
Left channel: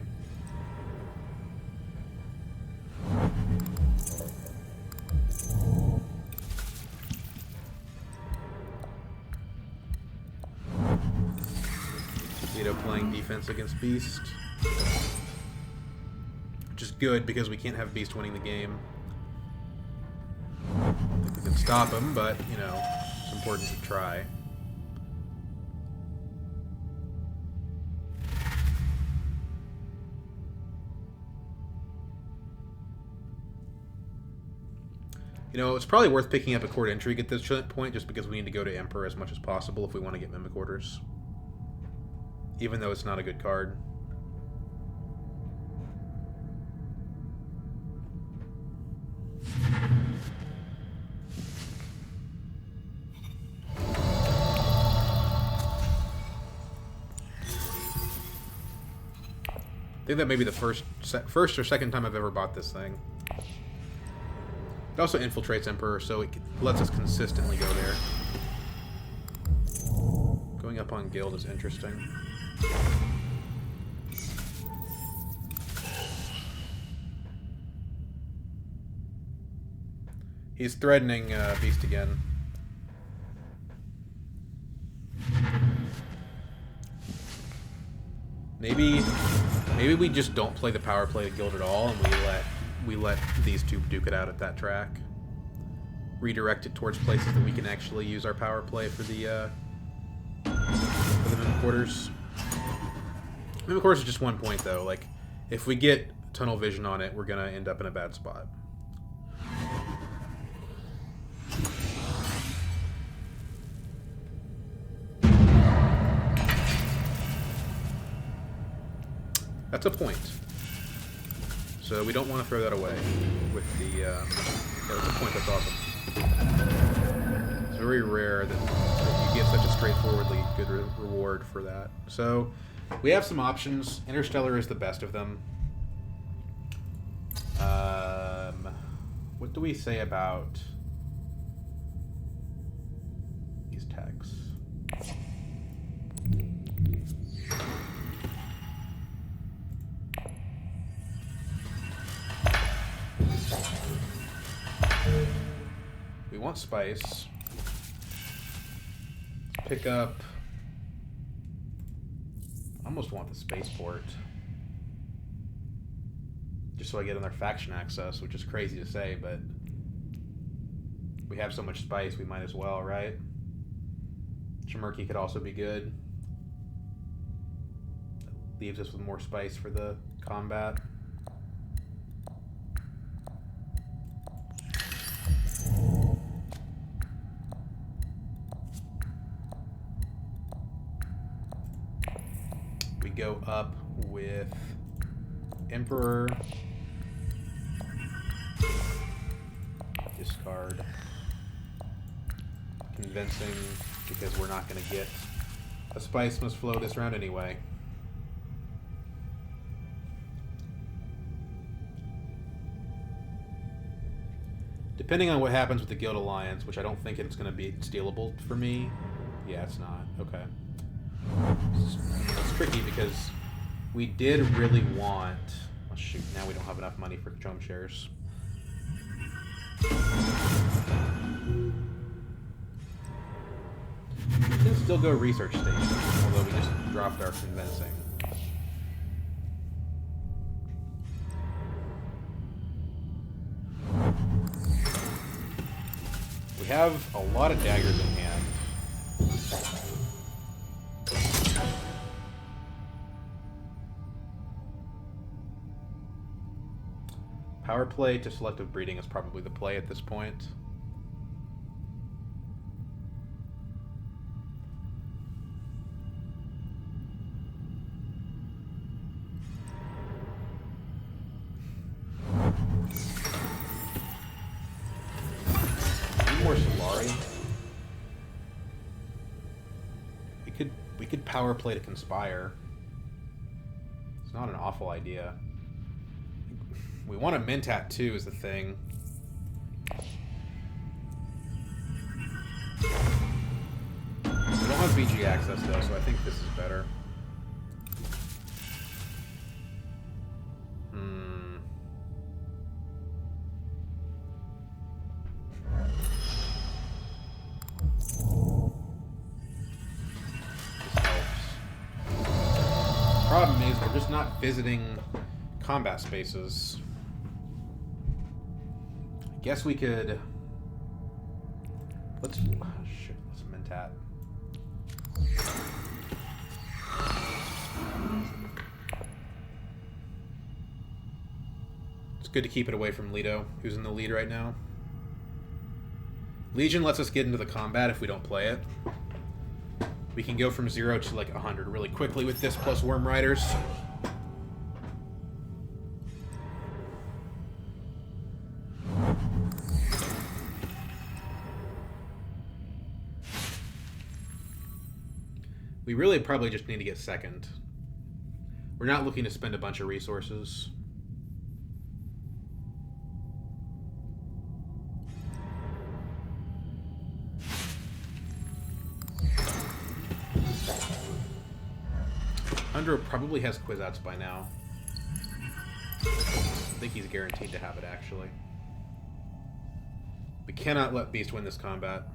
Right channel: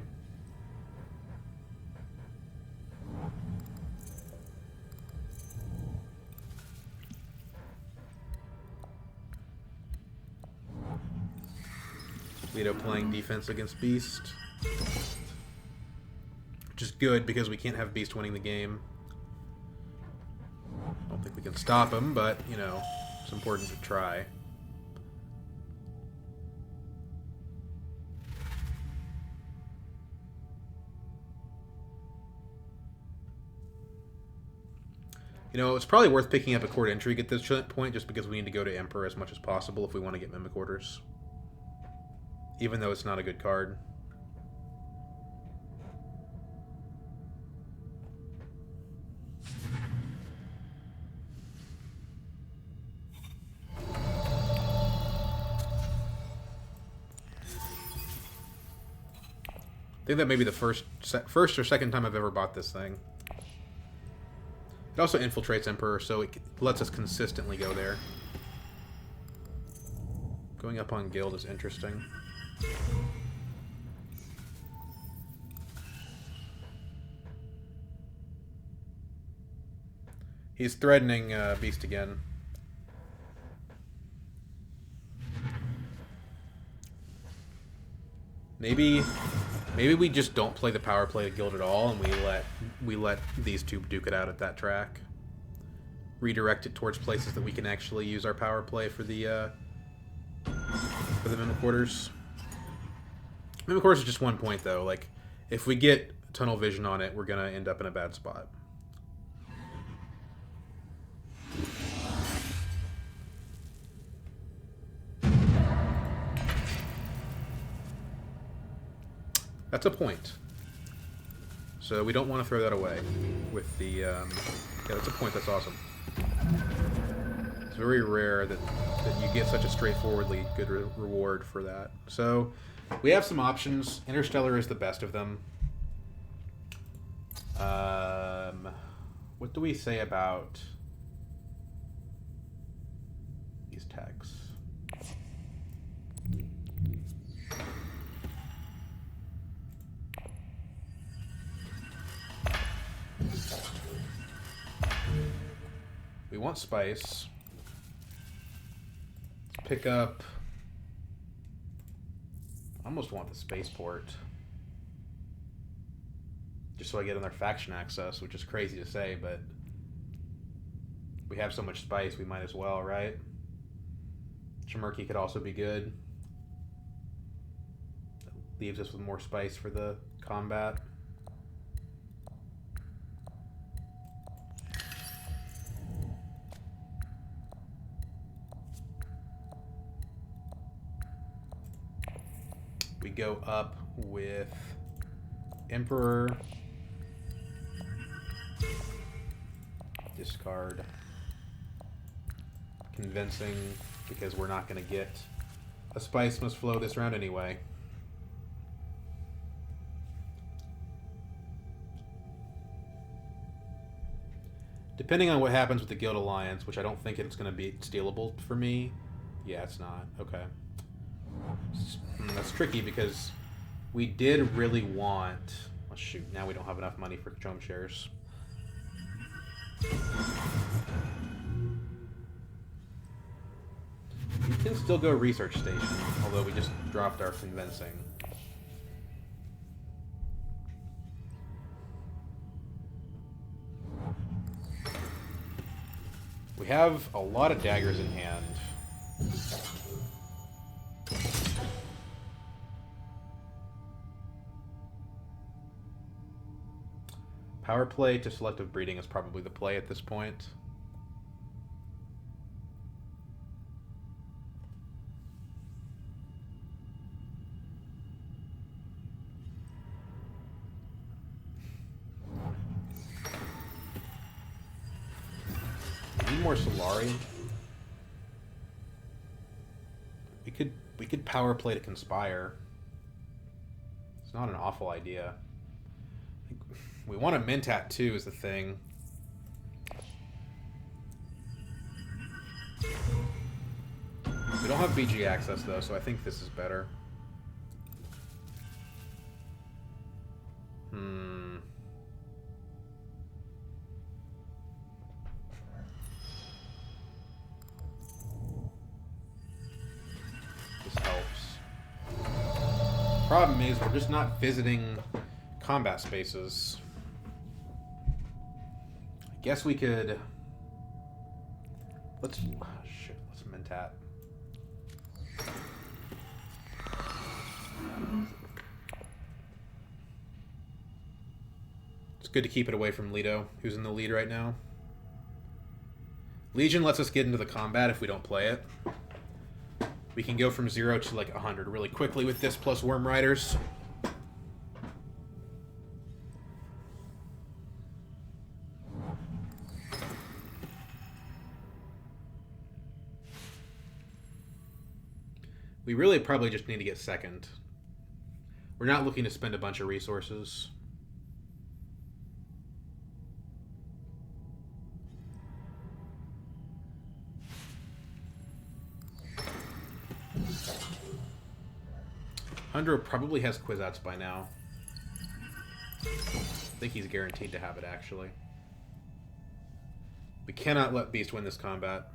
Leto playing defense against Beast. good because we can't have Beast winning the game. I don't think we can stop him, but, you know, it's important to try. You know, it's probably worth picking up a Court Intrigue at this point, just because we need to go to Emperor as much as possible if we want to get Mimic Orders. Even though it's not a good card. I think that may be the first or second time I've ever bought this thing. It also infiltrates Emperor, so it lets us consistently go there. Going up on Guild is interesting. He's threatening Beast again. Maybe we just don't play the power play at Guild at all, and we let these two duke it out at that track. Redirect it towards places that we can actually use our power play for the Mimic Orders. Mimic Orders is just 1 point though. Like, if we get Tunnel Vision on it, we're gonna end up in a bad spot. That's a point. So we don't want to throw that away with the... yeah, that's a point. That's awesome. It's very rare that you get such a straightforwardly good reward for that. So we have some options. Interstellar is the best of them. What do we say about these tags? We want spice. Pick up... I almost want the spaceport. Just so I get another faction access, which is crazy to say, but... we have so much spice, we might as well, right? Chimerki could also be good. That leaves us with more spice for the combat. We go up with Emperor. Discard. Convincing, because we're not going to get a spice must flow this round anyway. Depending on what happens with the Guild Alliance, which I don't think it's going to be stealable for me. Yeah, it's not. Okay. That's tricky because we did really want... oh shoot, now we don't have enough money for Chome shares. We can still go Research Station, although we just dropped our Convincing. We have a lot of daggers in hand. Power play to Selective Breeding is probably the play at this point. Need more Solari. We could power play to Conspire. It's not an awful idea. We want a Mentat too, is the thing. We don't have BG access though, so I think this is better. This helps. Problem is, we're just not visiting combat spaces. guess we could... Let's... Oh, shit, let's Mentat. It's good to keep it away from Leto, who's in the lead right now. Legion lets us get into the combat if we don't play it. We can go from 0 to like 100 really quickly with this plus Worm Riders. We really probably just need to get second. We're not looking to spend a bunch of resources. Hundro probably has Kwisatz by now. I think he's guaranteed to have it, actually. We cannot let Beast win this combat.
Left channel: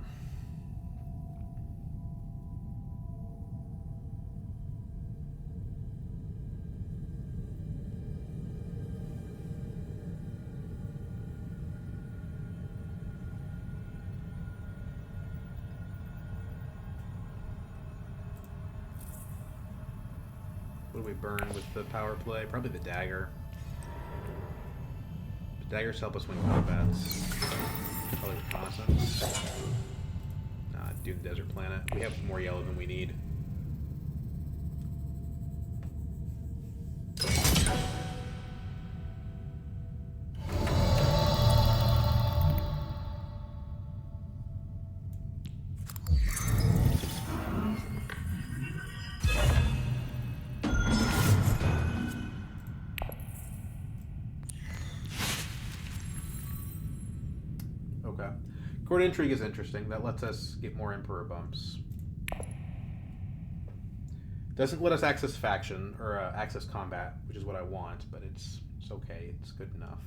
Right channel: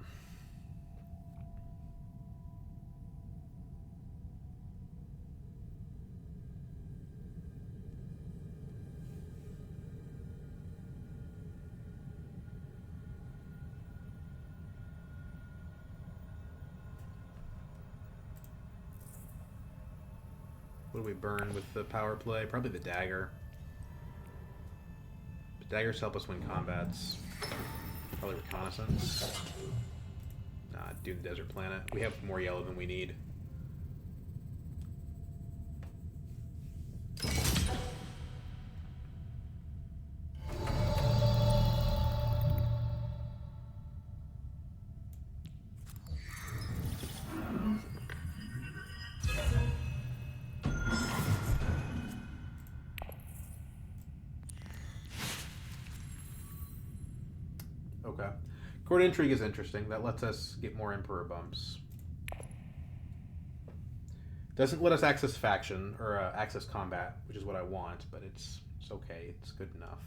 What do we burn with the power play? Probably the dagger. The daggers help us win combats. Probably reconnaissance. Nah, Dune Desert Planet. We have more yellow than we need. Okay. Court Intrigue is interesting. That lets us get more Emperor bumps. Doesn't let us access faction, or access combat, which is what I want, but it's okay. It's good enough.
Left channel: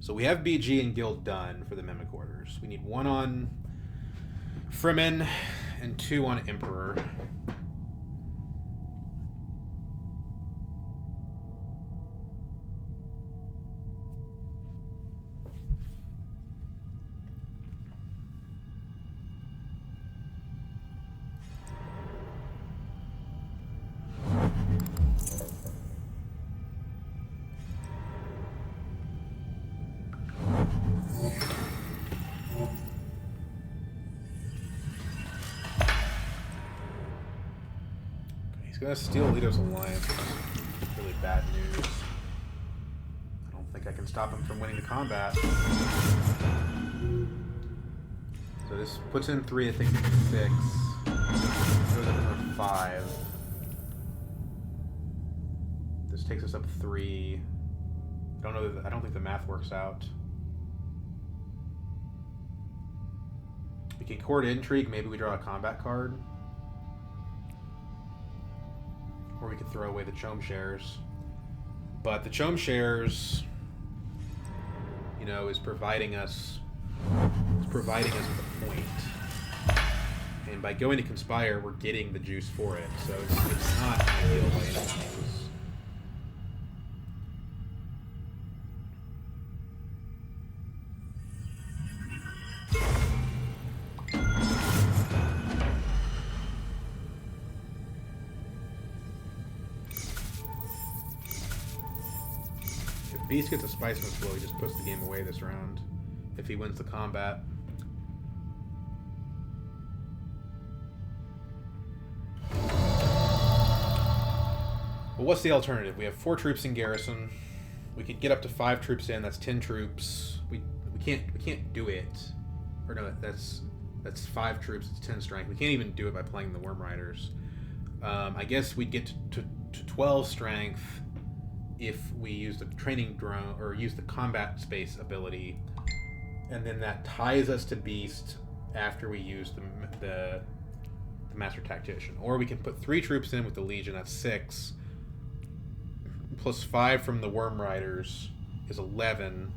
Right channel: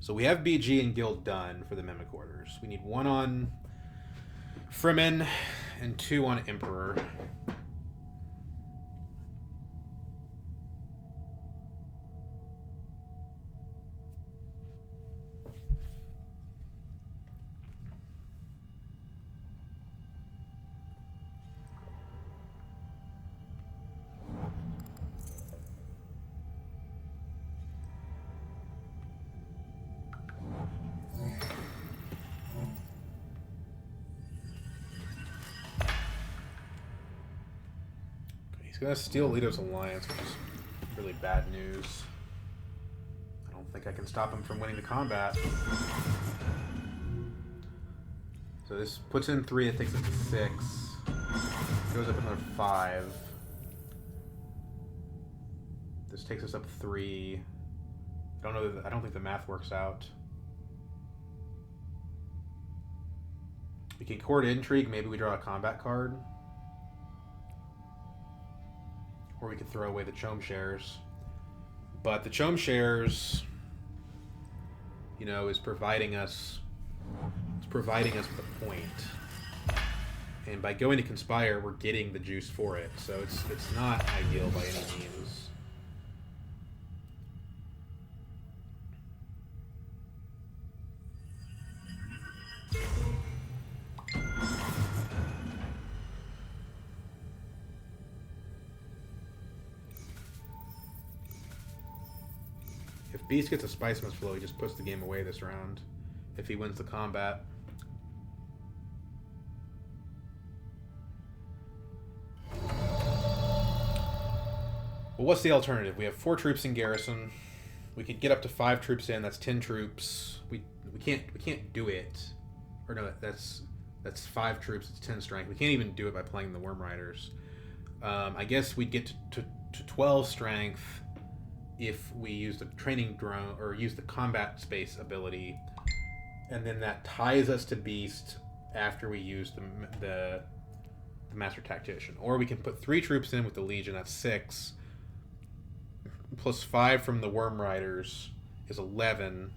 So we have BG and Guild done for the Mimic Orders. We need 1 on Fremen and 2 on Emperor. He's gonna steal Leto's alliance, which is really bad news. I don't think I can stop him from winning the combat. So this puts in 3, it takes it to 6. Goes up another 5. This takes us up 3. I don't think the math works out. We can Court Intrigue, maybe we draw a combat card. Or we could throw away the Chome Shares. But the Chome Shares, you know, is providing us with a point. And by going to Conspire, we're getting the juice for it. So it's not ideal by any means. If Beast gets a Spice Mist Flow, he just puts the game away this round. If he wins the combat. Well, what's the alternative? We have 4 troops in garrison. We could get up to 5 troops in. That's 10 troops. We can't do it. Or no, that's 5 troops. It's 10 strength. We can't even do it by playing the Worm Riders. I guess we'd get to 12 strength if we use the training drone or use the combat space ability, and then that ties us to Beast after we use the Master Tactician. Or we can put 3 troops in with the Legion. That's 6. Plus 5 from the Worm Riders is 11.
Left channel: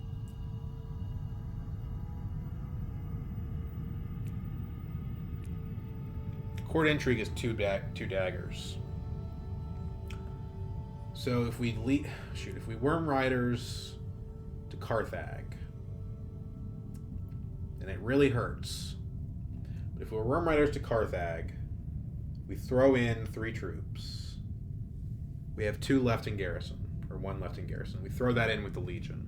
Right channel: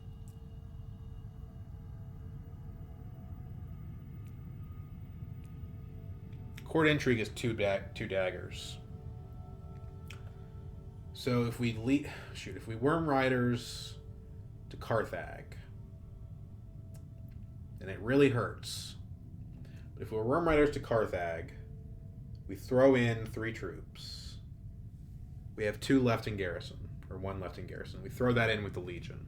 Court Intrigue is 2 daggers. So if we if we Worm Riders to Carthag, and it really hurts. But if we're Worm Riders to Carthag, we throw in 3 troops. We have 2 left in garrison, or 1 left in garrison. We throw that in with the Legion.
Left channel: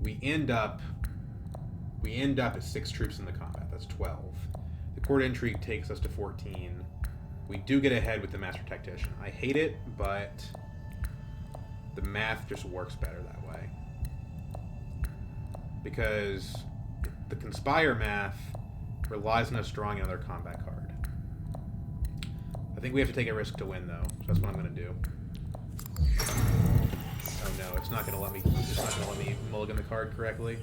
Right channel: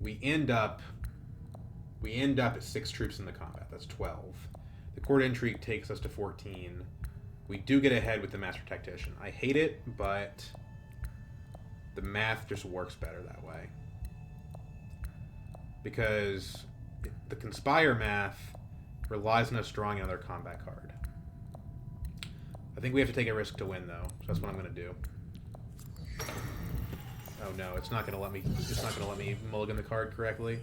We end up at 6 troops in the combat. That's 12. The Court Intrigue takes us to 14. We do get ahead with the Master Tactician. I hate it, but the math just works better that way. Because the Conspire math relies on us drawing another combat card. I think we have to take a risk to win, though. So that's what I'm going to do. Oh no, it's not going to let me. It's not going to let me mulligan the card correctly.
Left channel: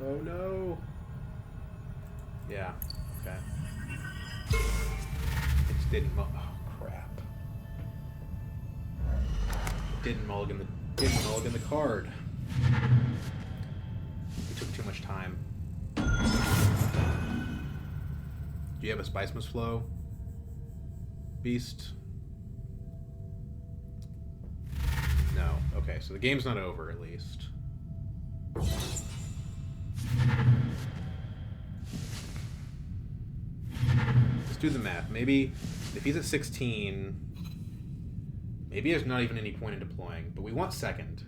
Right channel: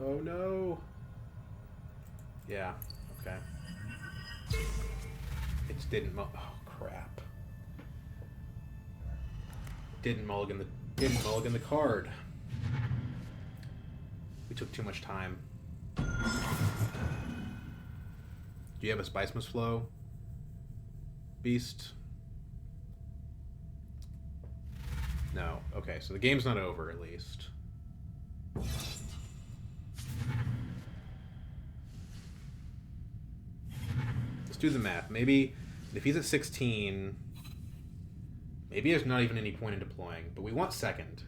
Oh no. Yeah. Okay. It didn't. Oh crap. Didn't mulligan the card. We took too much time. Do you have a Spiceman's Flow, Beast? No. Okay, so the game's not over, at least. Let's do the math. Maybe if he's at 16, maybe there's not even any point in deploying, but we want second.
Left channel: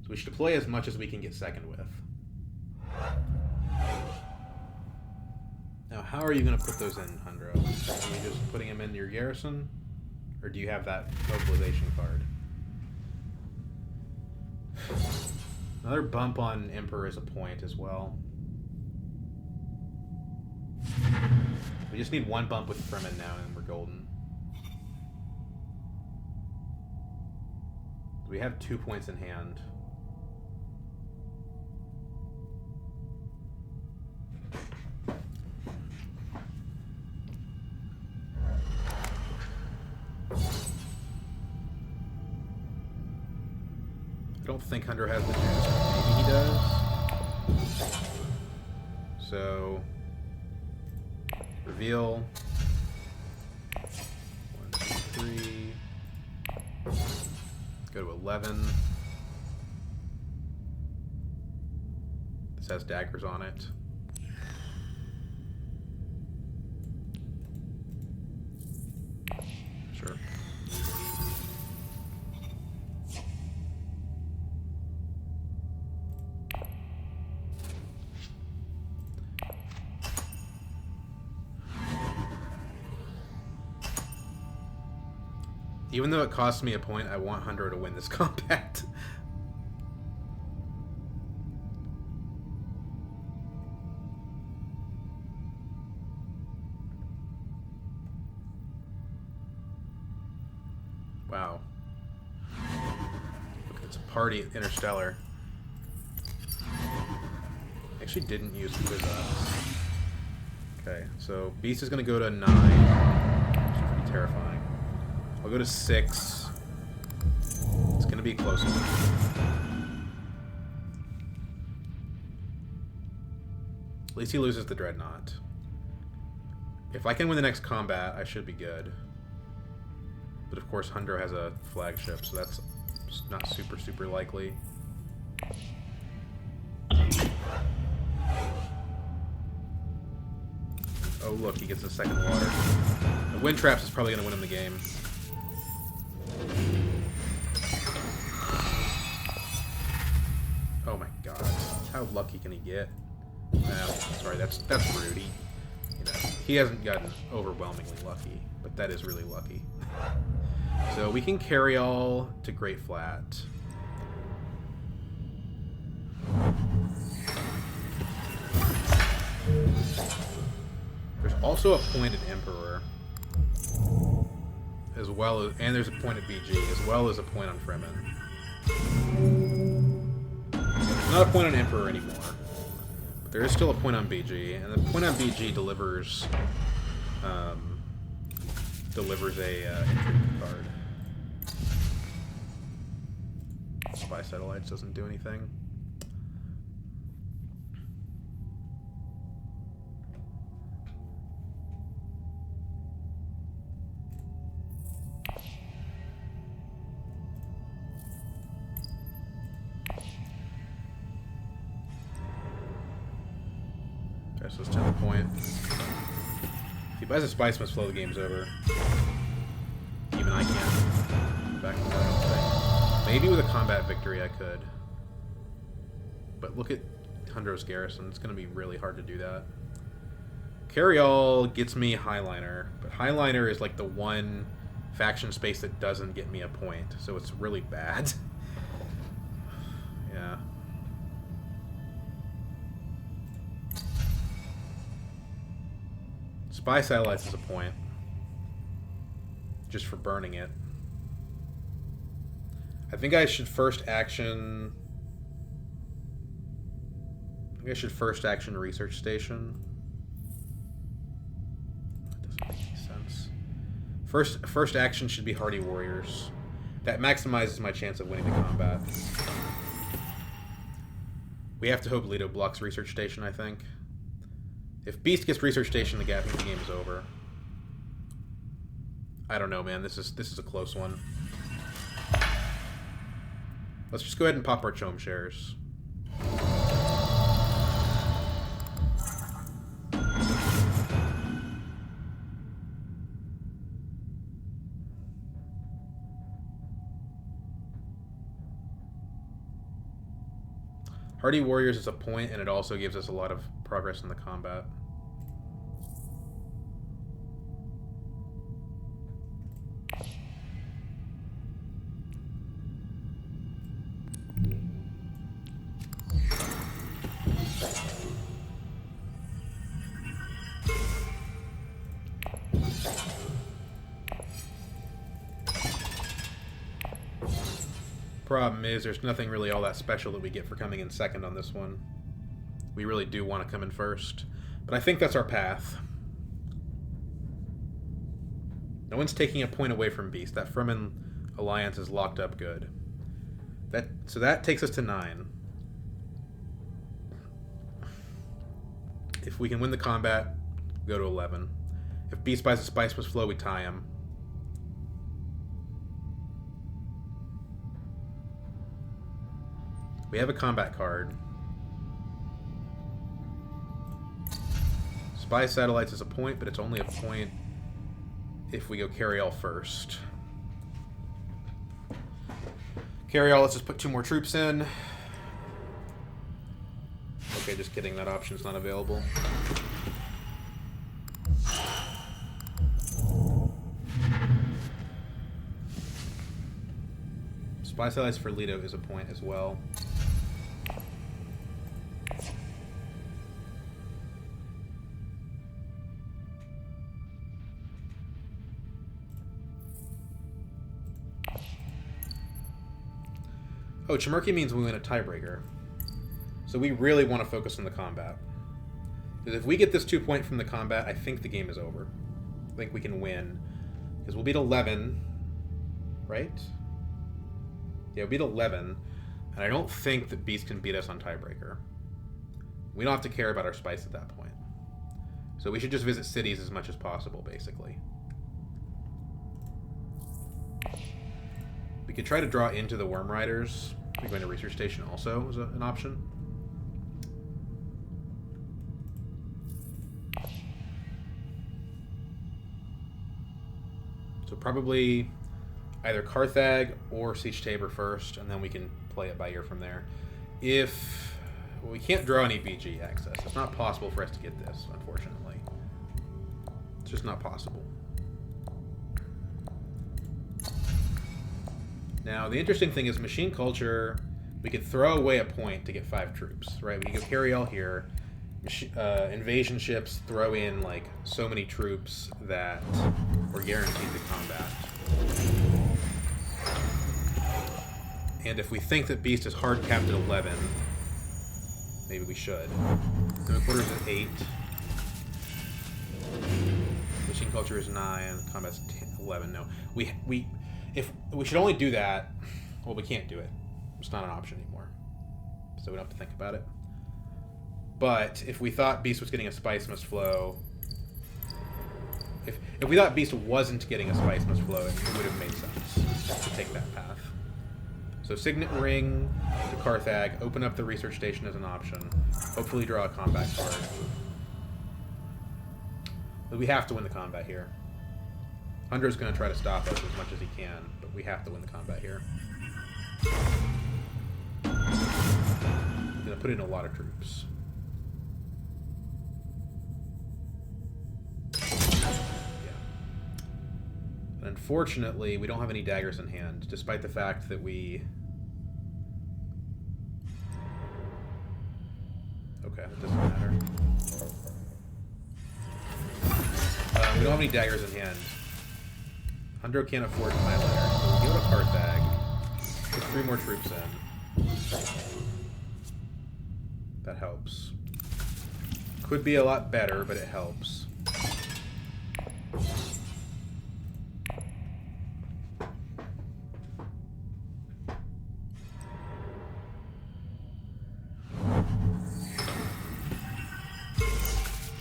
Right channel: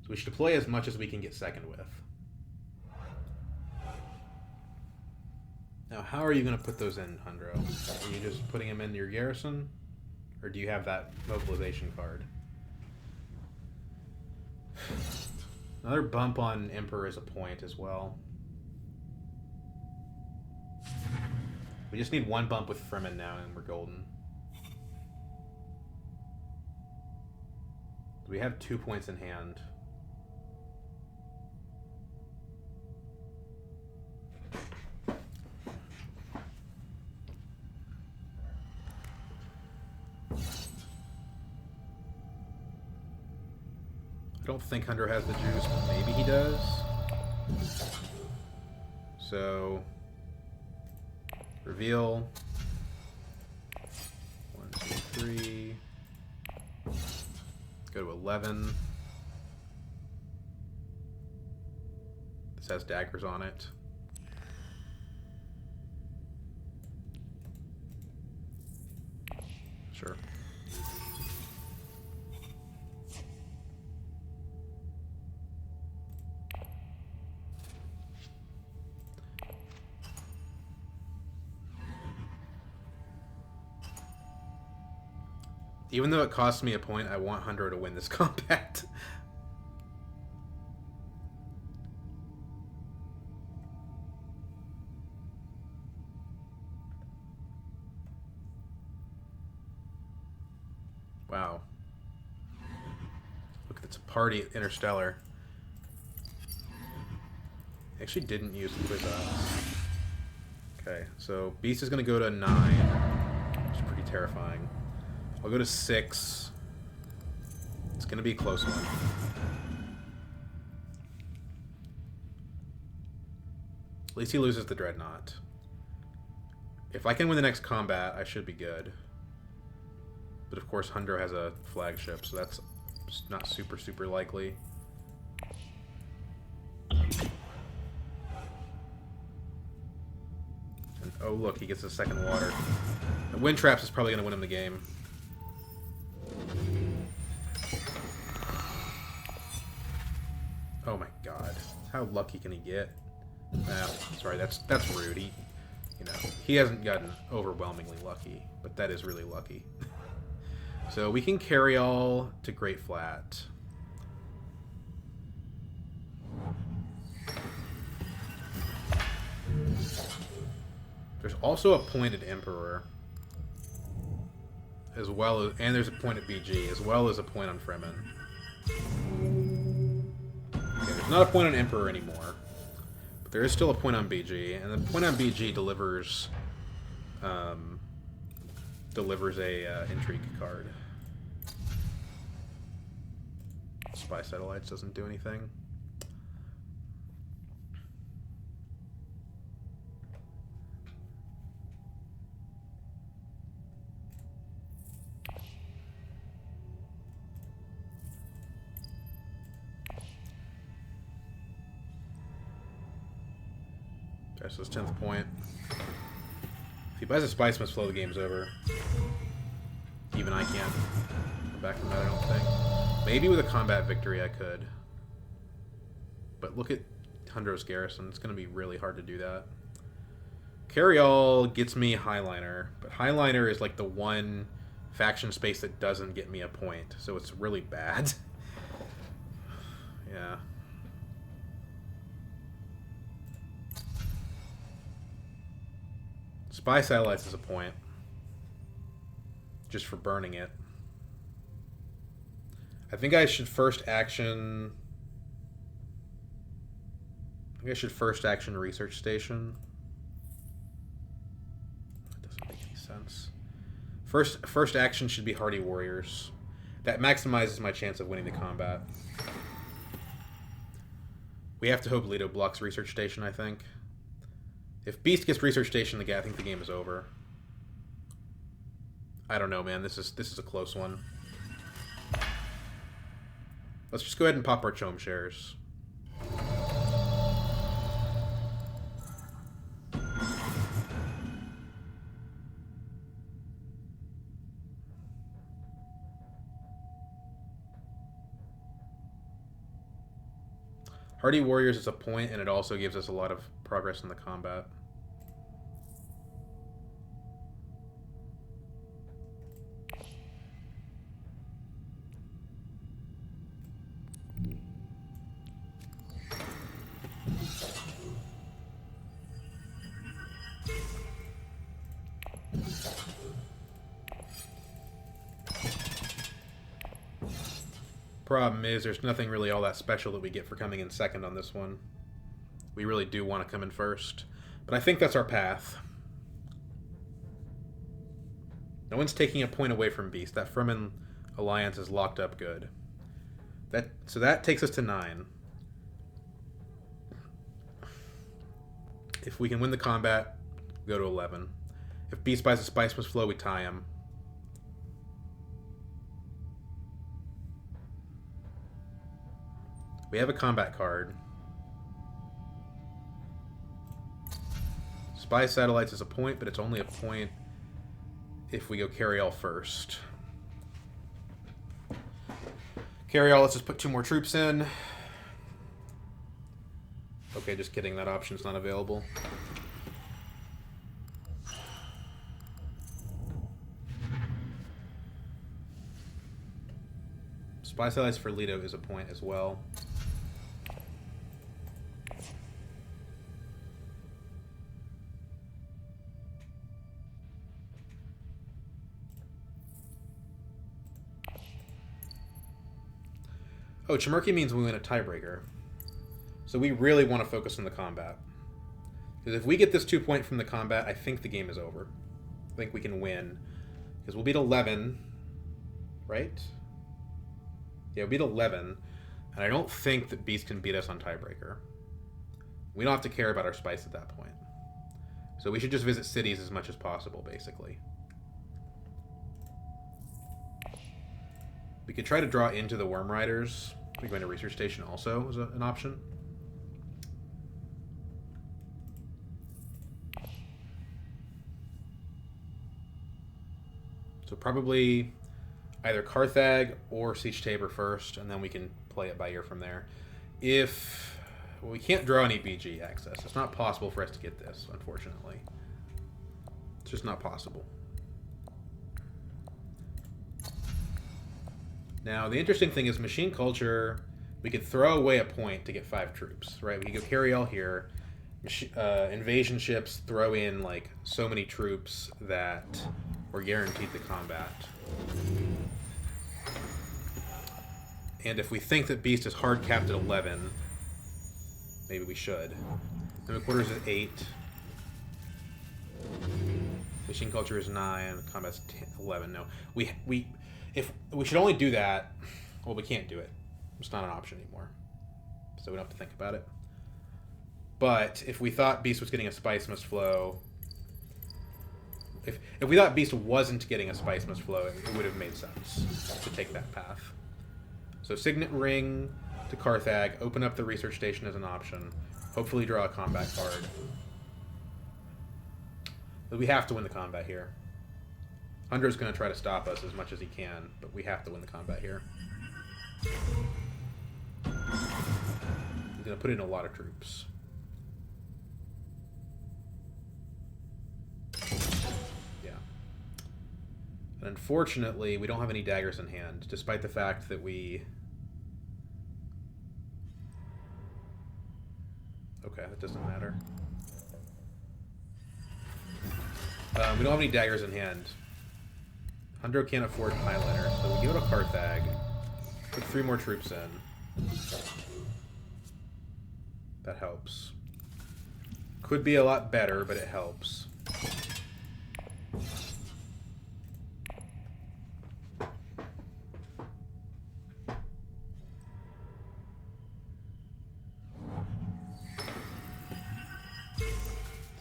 So we should deploy as much as we can get second with. Now, how are you going to put those in, Hundro? Are you just putting them in your garrison? Or do you have that mobilization card? Another bump on Emperor is a point as well. We just need 1 bump with Fremen now and we're golden. We have 2 points in hand. I don't think Hunter has the juice, but maybe he does. So, reveal. 1, 2, 3. Go to 11. This has daggers on it. Sure. Even though it costs me a point, I want Hundro to win this combat. Wow. Look, it's a party at Interstellar. Actually didn't use Quiz Us. Okay, so Beast is going to go to 9, which is pretty terrifying. I'll go to 6. It's going to be a close one. At least he loses the Dreadnought. If I can win the next combat, I should be good. But of course, Hundro has a flagship, so that's not super likely. And, oh look, he gets a second water. The Wind Traps is probably going to win him the game. Oh my god. How lucky can he get? Sorry, that's rude. He hasn't gotten overwhelmingly lucky, but that is really lucky. So we can carry all to Great Flat. There's also a point at Emperor, as well as, and there's a point at BG, as well as a point on Fremen. There's not a point on Emperor anymore, but there is still a point on BG, and the point on BG delivers a intrigue card. Spy Satellites doesn't do anything. Okay, so it's 10th point. If he buys a Spice Must Flow, the game's over. Even I can't come back from that, I don't think. Maybe with a combat victory I could. But look at Tundro's Garrison. It's going to be really hard to do that. Carry-All gets me Highliner, but Highliner is like the one faction space that doesn't get me a point, so it's really bad. Yeah. Spy Satellites is a point. Just for burning it. I think I should first action... Research Station. That doesn't make any sense. First action should be Hardy Warriors. That maximizes my chance of winning the combat. We have to hope Leto blocks Research Station, I think. If Beast gets Research Station, I think the game is over. I don't know, man. This is a close one. Let's just go ahead and pop our Chome shares. Hardy Warriors is a point, and it also gives us a lot of progress in the combat. Problem is, there's nothing really all that special that we get for coming in second on this one. We really do want to come in first. But I think that's our path. No one's taking a point away from Beast. That Fremen alliance is locked up good. So that takes us to 9. If we can win the combat, go to 11. If Beast buys a Spice Must Flow, we tie him. We have a combat card. Spy Satellites is a point, but it's only a point if we go Carry-All first. Carry-All, let's just put 2 more troops in. Okay, just kidding. That option's not available. Spy Satellites for Leto is a point as well. Oh, Chimerki means we win a tiebreaker. So we really want to focus on the combat. Because if we get this 2 point from the combat, I think the game is over. I think we can win. Because we'll beat 11, right? Yeah, we'll beat 11. And I don't think that Beast can beat us on tiebreaker. We don't have to care about our spice at that point. So we should just visit cities as much as possible, basically. We could try to draw into the Worm Riders. We're going to Research Station also is an option. So probably either Carthag or Siege Tabor first, and then we can play it by ear from there. If... Well, we can't draw any BG access. It's not possible for us to get this, unfortunately. It's just not possible. Now, the interesting thing is Machine Culture, we could throw away a point to get 5 troops, right? We could go Carry-All here. Invasion ships throw in, like, so many troops that we're guaranteed the combat. And if we think that Beast is hard capped at 11, maybe we should. Limit Quarters is 8. Machine Culture is 9. Combat's 10, 11. No. If we should only do that, well, we can't do it. It's not an option anymore. So we don't have to think about it. But if we thought Beast was getting a Spice Must Flow... If we thought Beast wasn't getting a Spice Must Flow, it would have made sense to take that path. So Signet Ring to Carthag, open up the Research Station as an option, hopefully draw a combat card. But we have to win the combat here. Hunter's going to try to stop us as much as he can, but we have to win the combat here. He's going to put in a lot of troops. Yeah. And unfortunately, we don't have any daggers in hand, despite the fact that we... Okay, that doesn't matter. We don't have any daggers in hand. Hundo can't afford Highliner, so we go to Carthag. Put 3 more troops in. That helps. Could be a lot better, but it helps.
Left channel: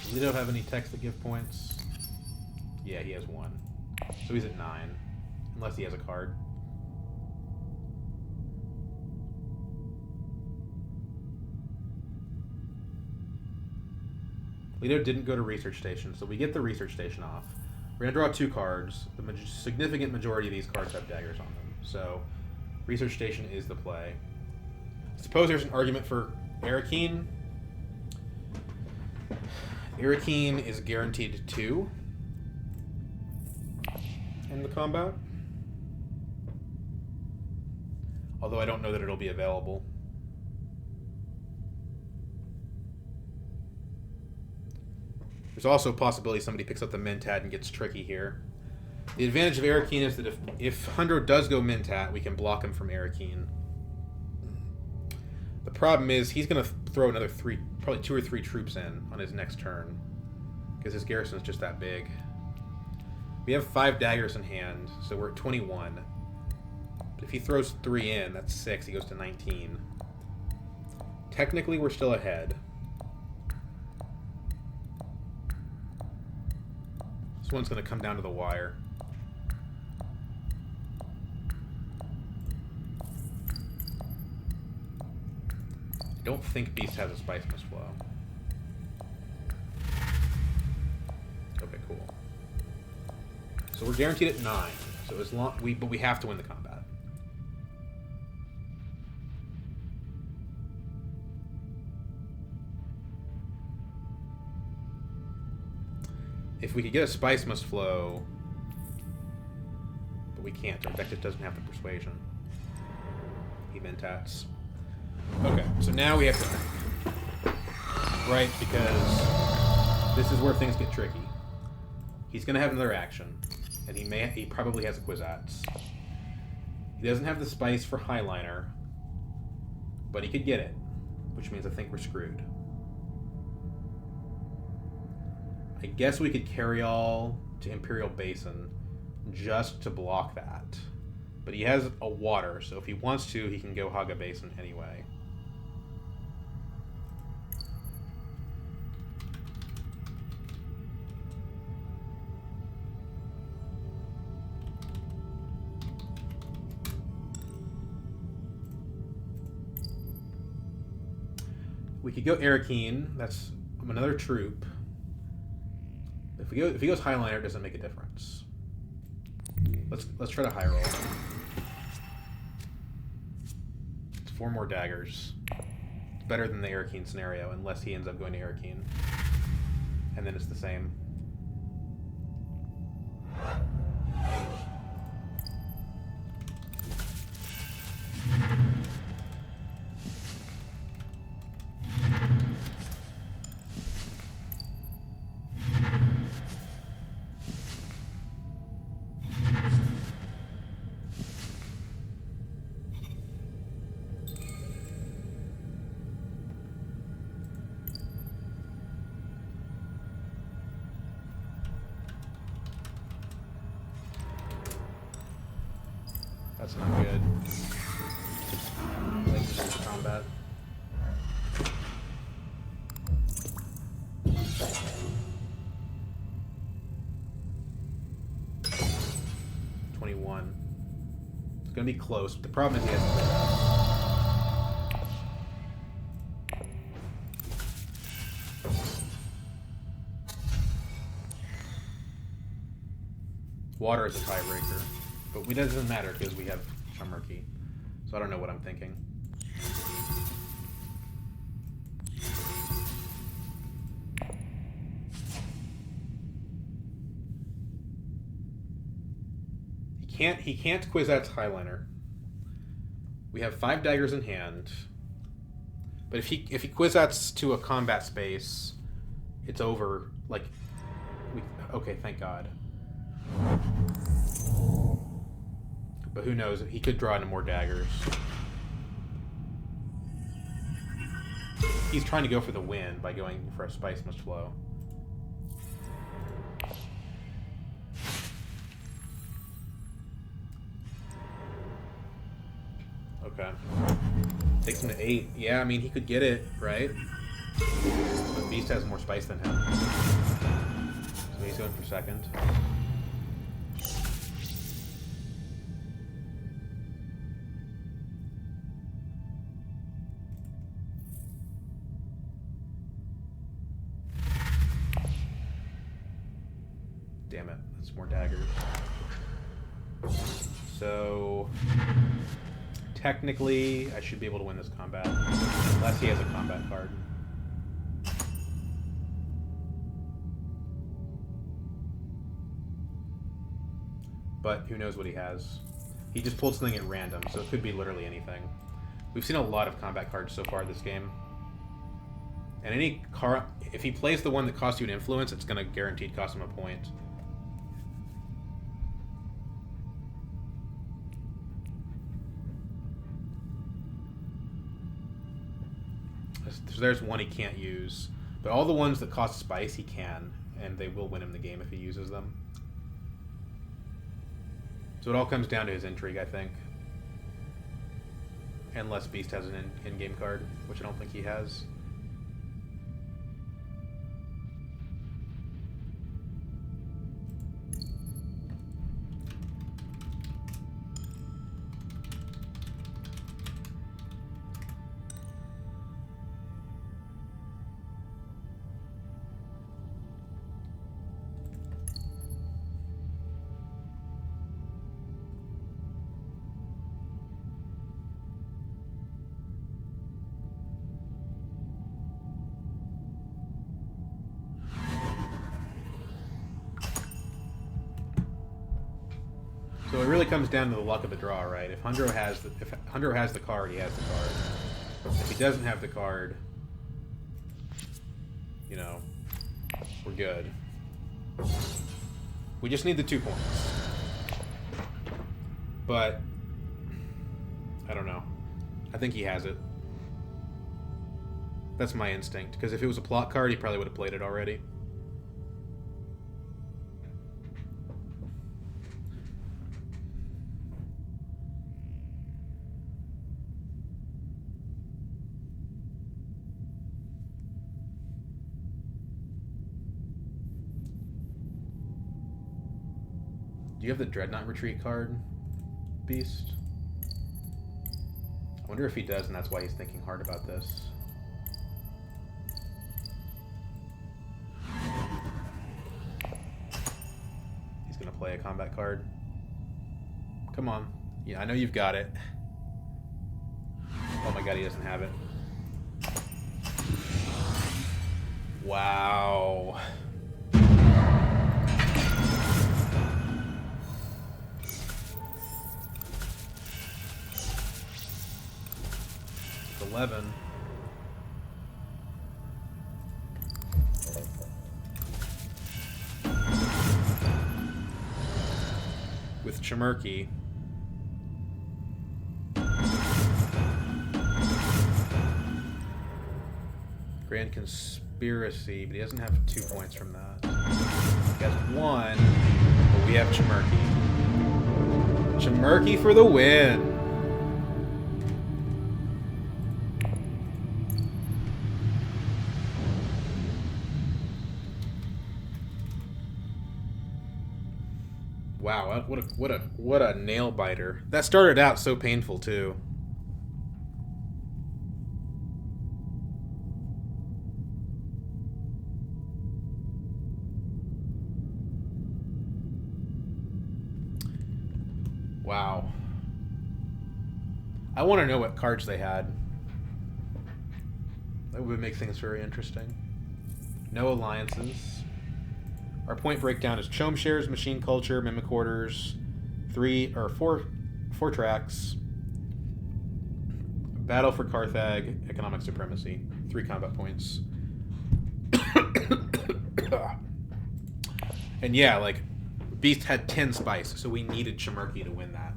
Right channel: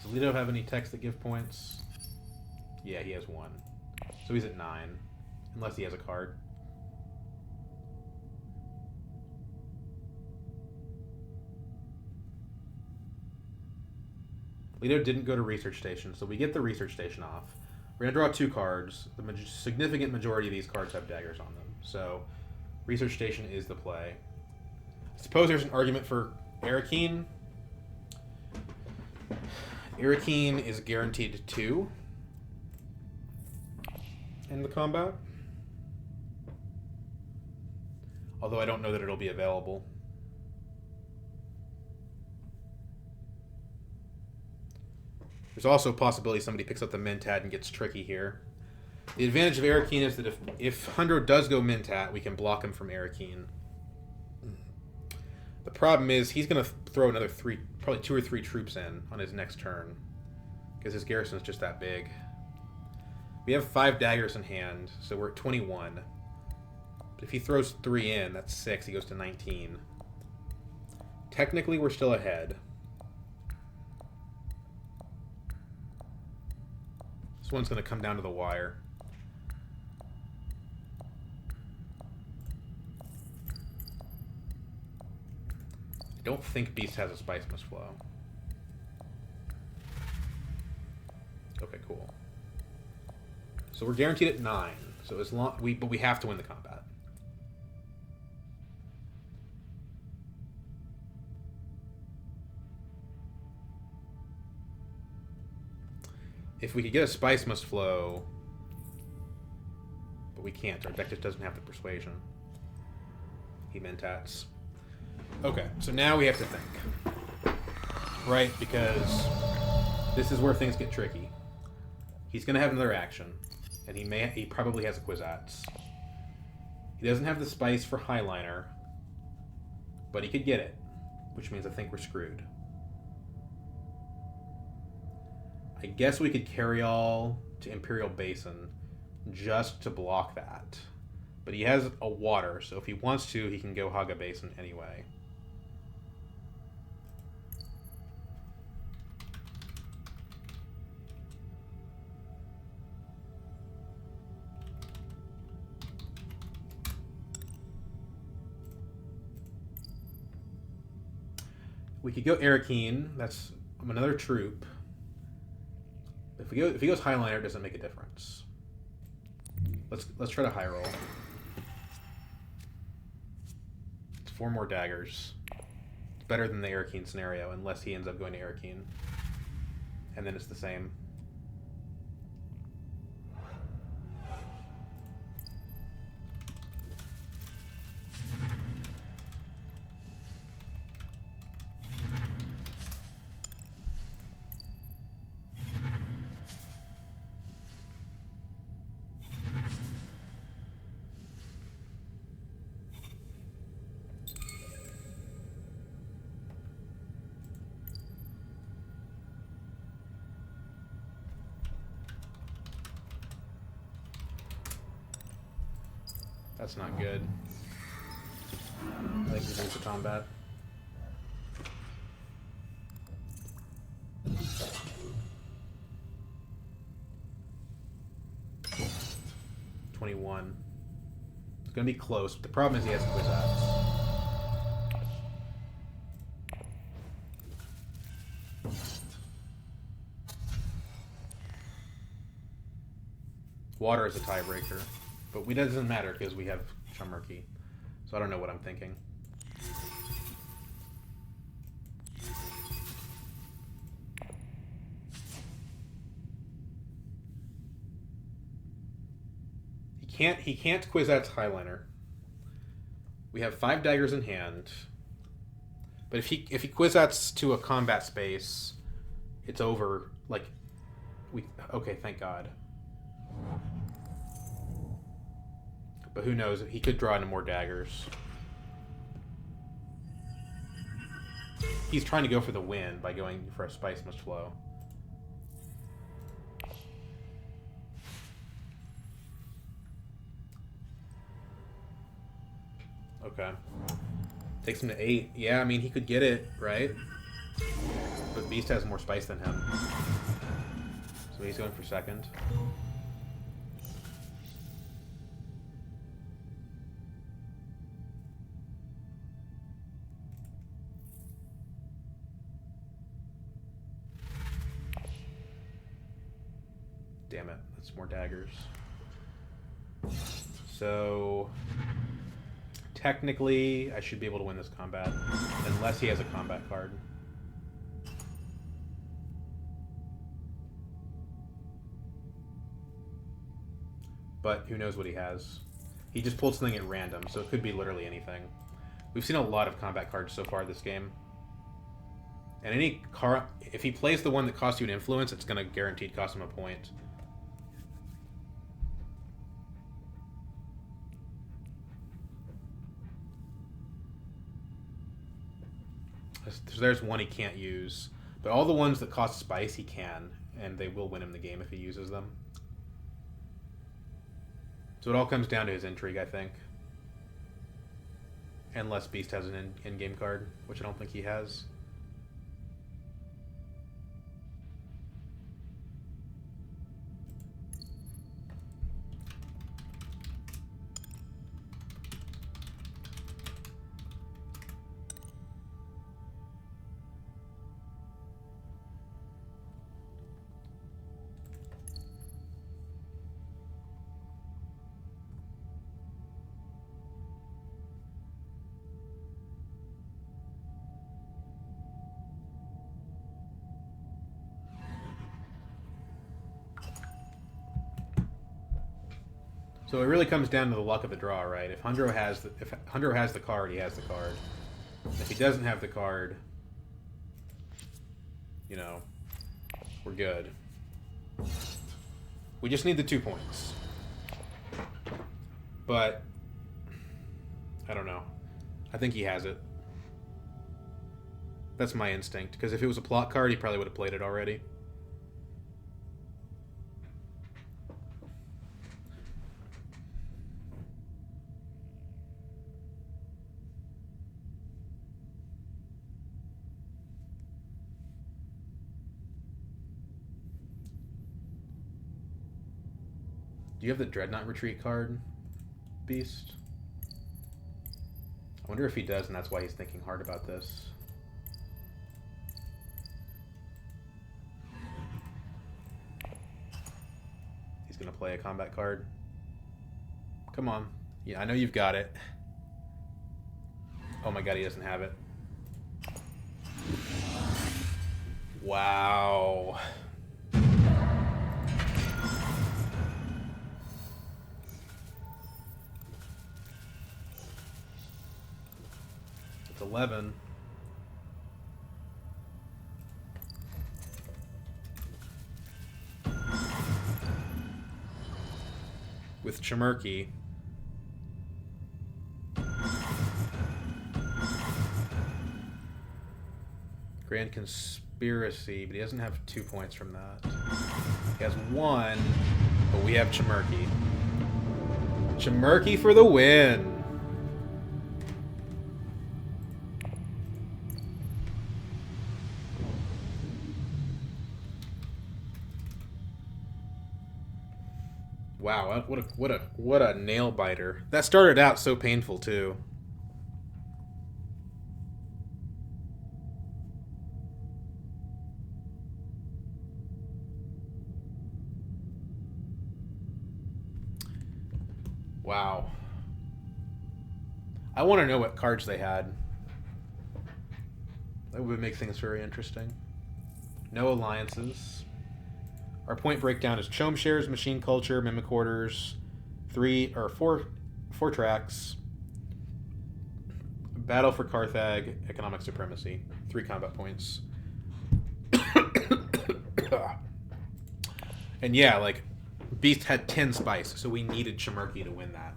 Does Leto have any techs that give points? Yeah, he has 1. So he's at 9. Unless he has a card. Leto didn't go to Research Station, so we get the Research Station off. We're going to draw 2 cards. The significant majority of these cards have daggers on them. So Research Station is the play. I suppose there's an argument for Arakeen. Arakeen is guaranteed 2 in the combat. Although I don't know that it'll be available. There's also a possibility somebody picks up the Mentat and gets tricky here. The advantage of Arakeen is that if Hundo does go Mentat, we can block him from Arakeen. The problem is he's going to throw another 3, probably 2 or 3 troops in on his next turn. Because his garrison is just that big. We have 5 daggers in hand, so we're at 21. But if he throws 3 in, that's 6. He goes to 19. Technically, we're still ahead. This one's going to come down to the wire. I don't think Beast has a Spice Must Flow. Okay, cool. So we're guaranteed at 9. So as long but we have to win the combat. If we could get a Spice Must Flow, but we can't. Our deck just doesn't have the Persuasion. He Mentats. Okay, so now we have to think. Right, because this is where things get tricky. He's going to have another action, and he probably has a Kwisatz. He doesn't have the Spice for Highliner, but he could get it, which means I think we're screwed. I guess we could carry all to Imperial Basin just to block that. But he has a water, so if he wants to, he can go Haga Basin anyway. We could go Arakeen. That's another troop. If he goes Highliner, it doesn't make a difference. Let's try to high roll. It's 4 more daggers. It's better than the Arakeen scenario, unless he ends up going to Arakeen. And then it's the same. That's not good. I think we lose the combat. $21. It's gonna be close, but the problem is he has Kwisatz. Water is a tiebreaker. But it doesn't matter because we have Chamarki. So I don't know what I'm thinking. He can't quiz out Highliner. We have 5 daggers in hand. But if he Kwisatz to a combat space, it's over. Like, okay, thank God. But who knows? He could draw into more daggers. He's trying to go for the win by going for a Spice Must Flow. Okay. Takes him to 8. Yeah, I mean, he could get it, right? But Beast has more spice than him. So he's going for second. Damn it. That's more daggers. So... technically, I should be able to win this combat. Unless he has a combat card. But who knows what he has. He just pulled something at random, so it could be literally anything. We've seen a lot of combat cards so far this game. And any card... if he plays the one that costs you an influence, it's going to guaranteed cost him a point. So there's one he can't use. But all the ones that cost spice, he can. And they will win him the game if he uses them. So it all comes down to his intrigue, I think. Unless Beast has an in-game card, which I don't think he has. So it really comes down to the luck of the draw, right? If Hundro has the card, he has the card. If he doesn't have the card, you know, we're good. We just need the 2 points. But I don't know. I think he has it. That's my instinct. Because if it was a plot card, he probably would have played it already. Do you have the Dreadnought Retreat card, Beast? I wonder if he does, and that's why he's thinking hard about this. He's going to play a combat card. Come on. Yeah, I know you've got it. Oh my god, he doesn't have it. Wow. It's 11. With Chamarki. Grand Conspiracy, but he doesn't have 2 points from that. He has 1, but we have Chamarki. Chamarki for the win! Wow, what a nail biter. That started out so painful too. Wow. I want to know what cards they had. That would make things very interesting. No alliances. Our point breakdown is Chome Shares, Machine Culture, Mimic Orders, 4 tracks, Battle for Carthag, Economic Supremacy, 3 combat points. And yeah, like, Beast had 10 spice, so we needed Chimerky to win that.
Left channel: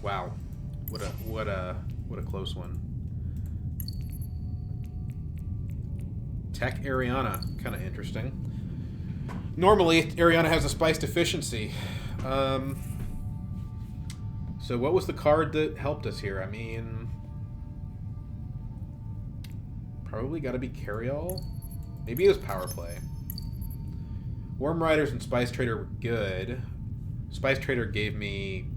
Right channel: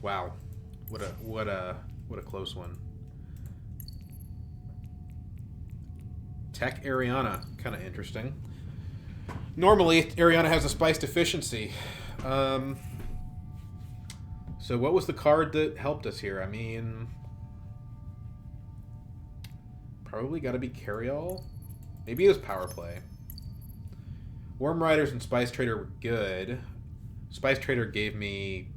Wow, what a close one. Tech Ariana, kind of interesting. Normally, Ariana has a spice deficiency. So what was the card that helped us here? I mean, probably got to be Carryall. Maybe it was Power Play. Worm Riders and Spice Trader were good. Spice Trader gave me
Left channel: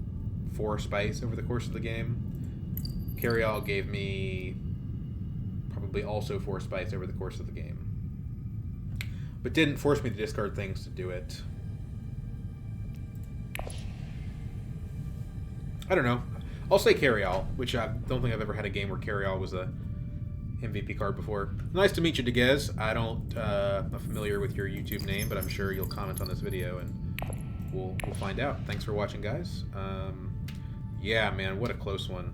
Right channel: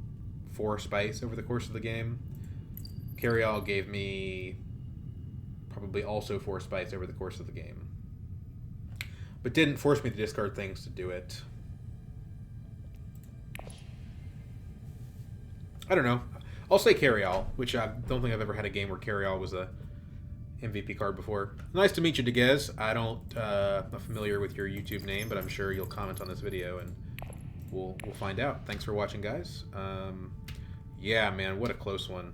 4 spice over the course of the game. Carryall gave me probably also 4 spice over the course of the game. But didn't force me to discard things to do it. I don't know. I'll say Carryall, which I don't think I've ever had a game where Carryall was a MVP card before. Nice to meet you, Degez. I'm not familiar with your YouTube name, but I'm sure you'll comment on this video and we'll find out. Thanks for watching, guys. Yeah, man, what a close one.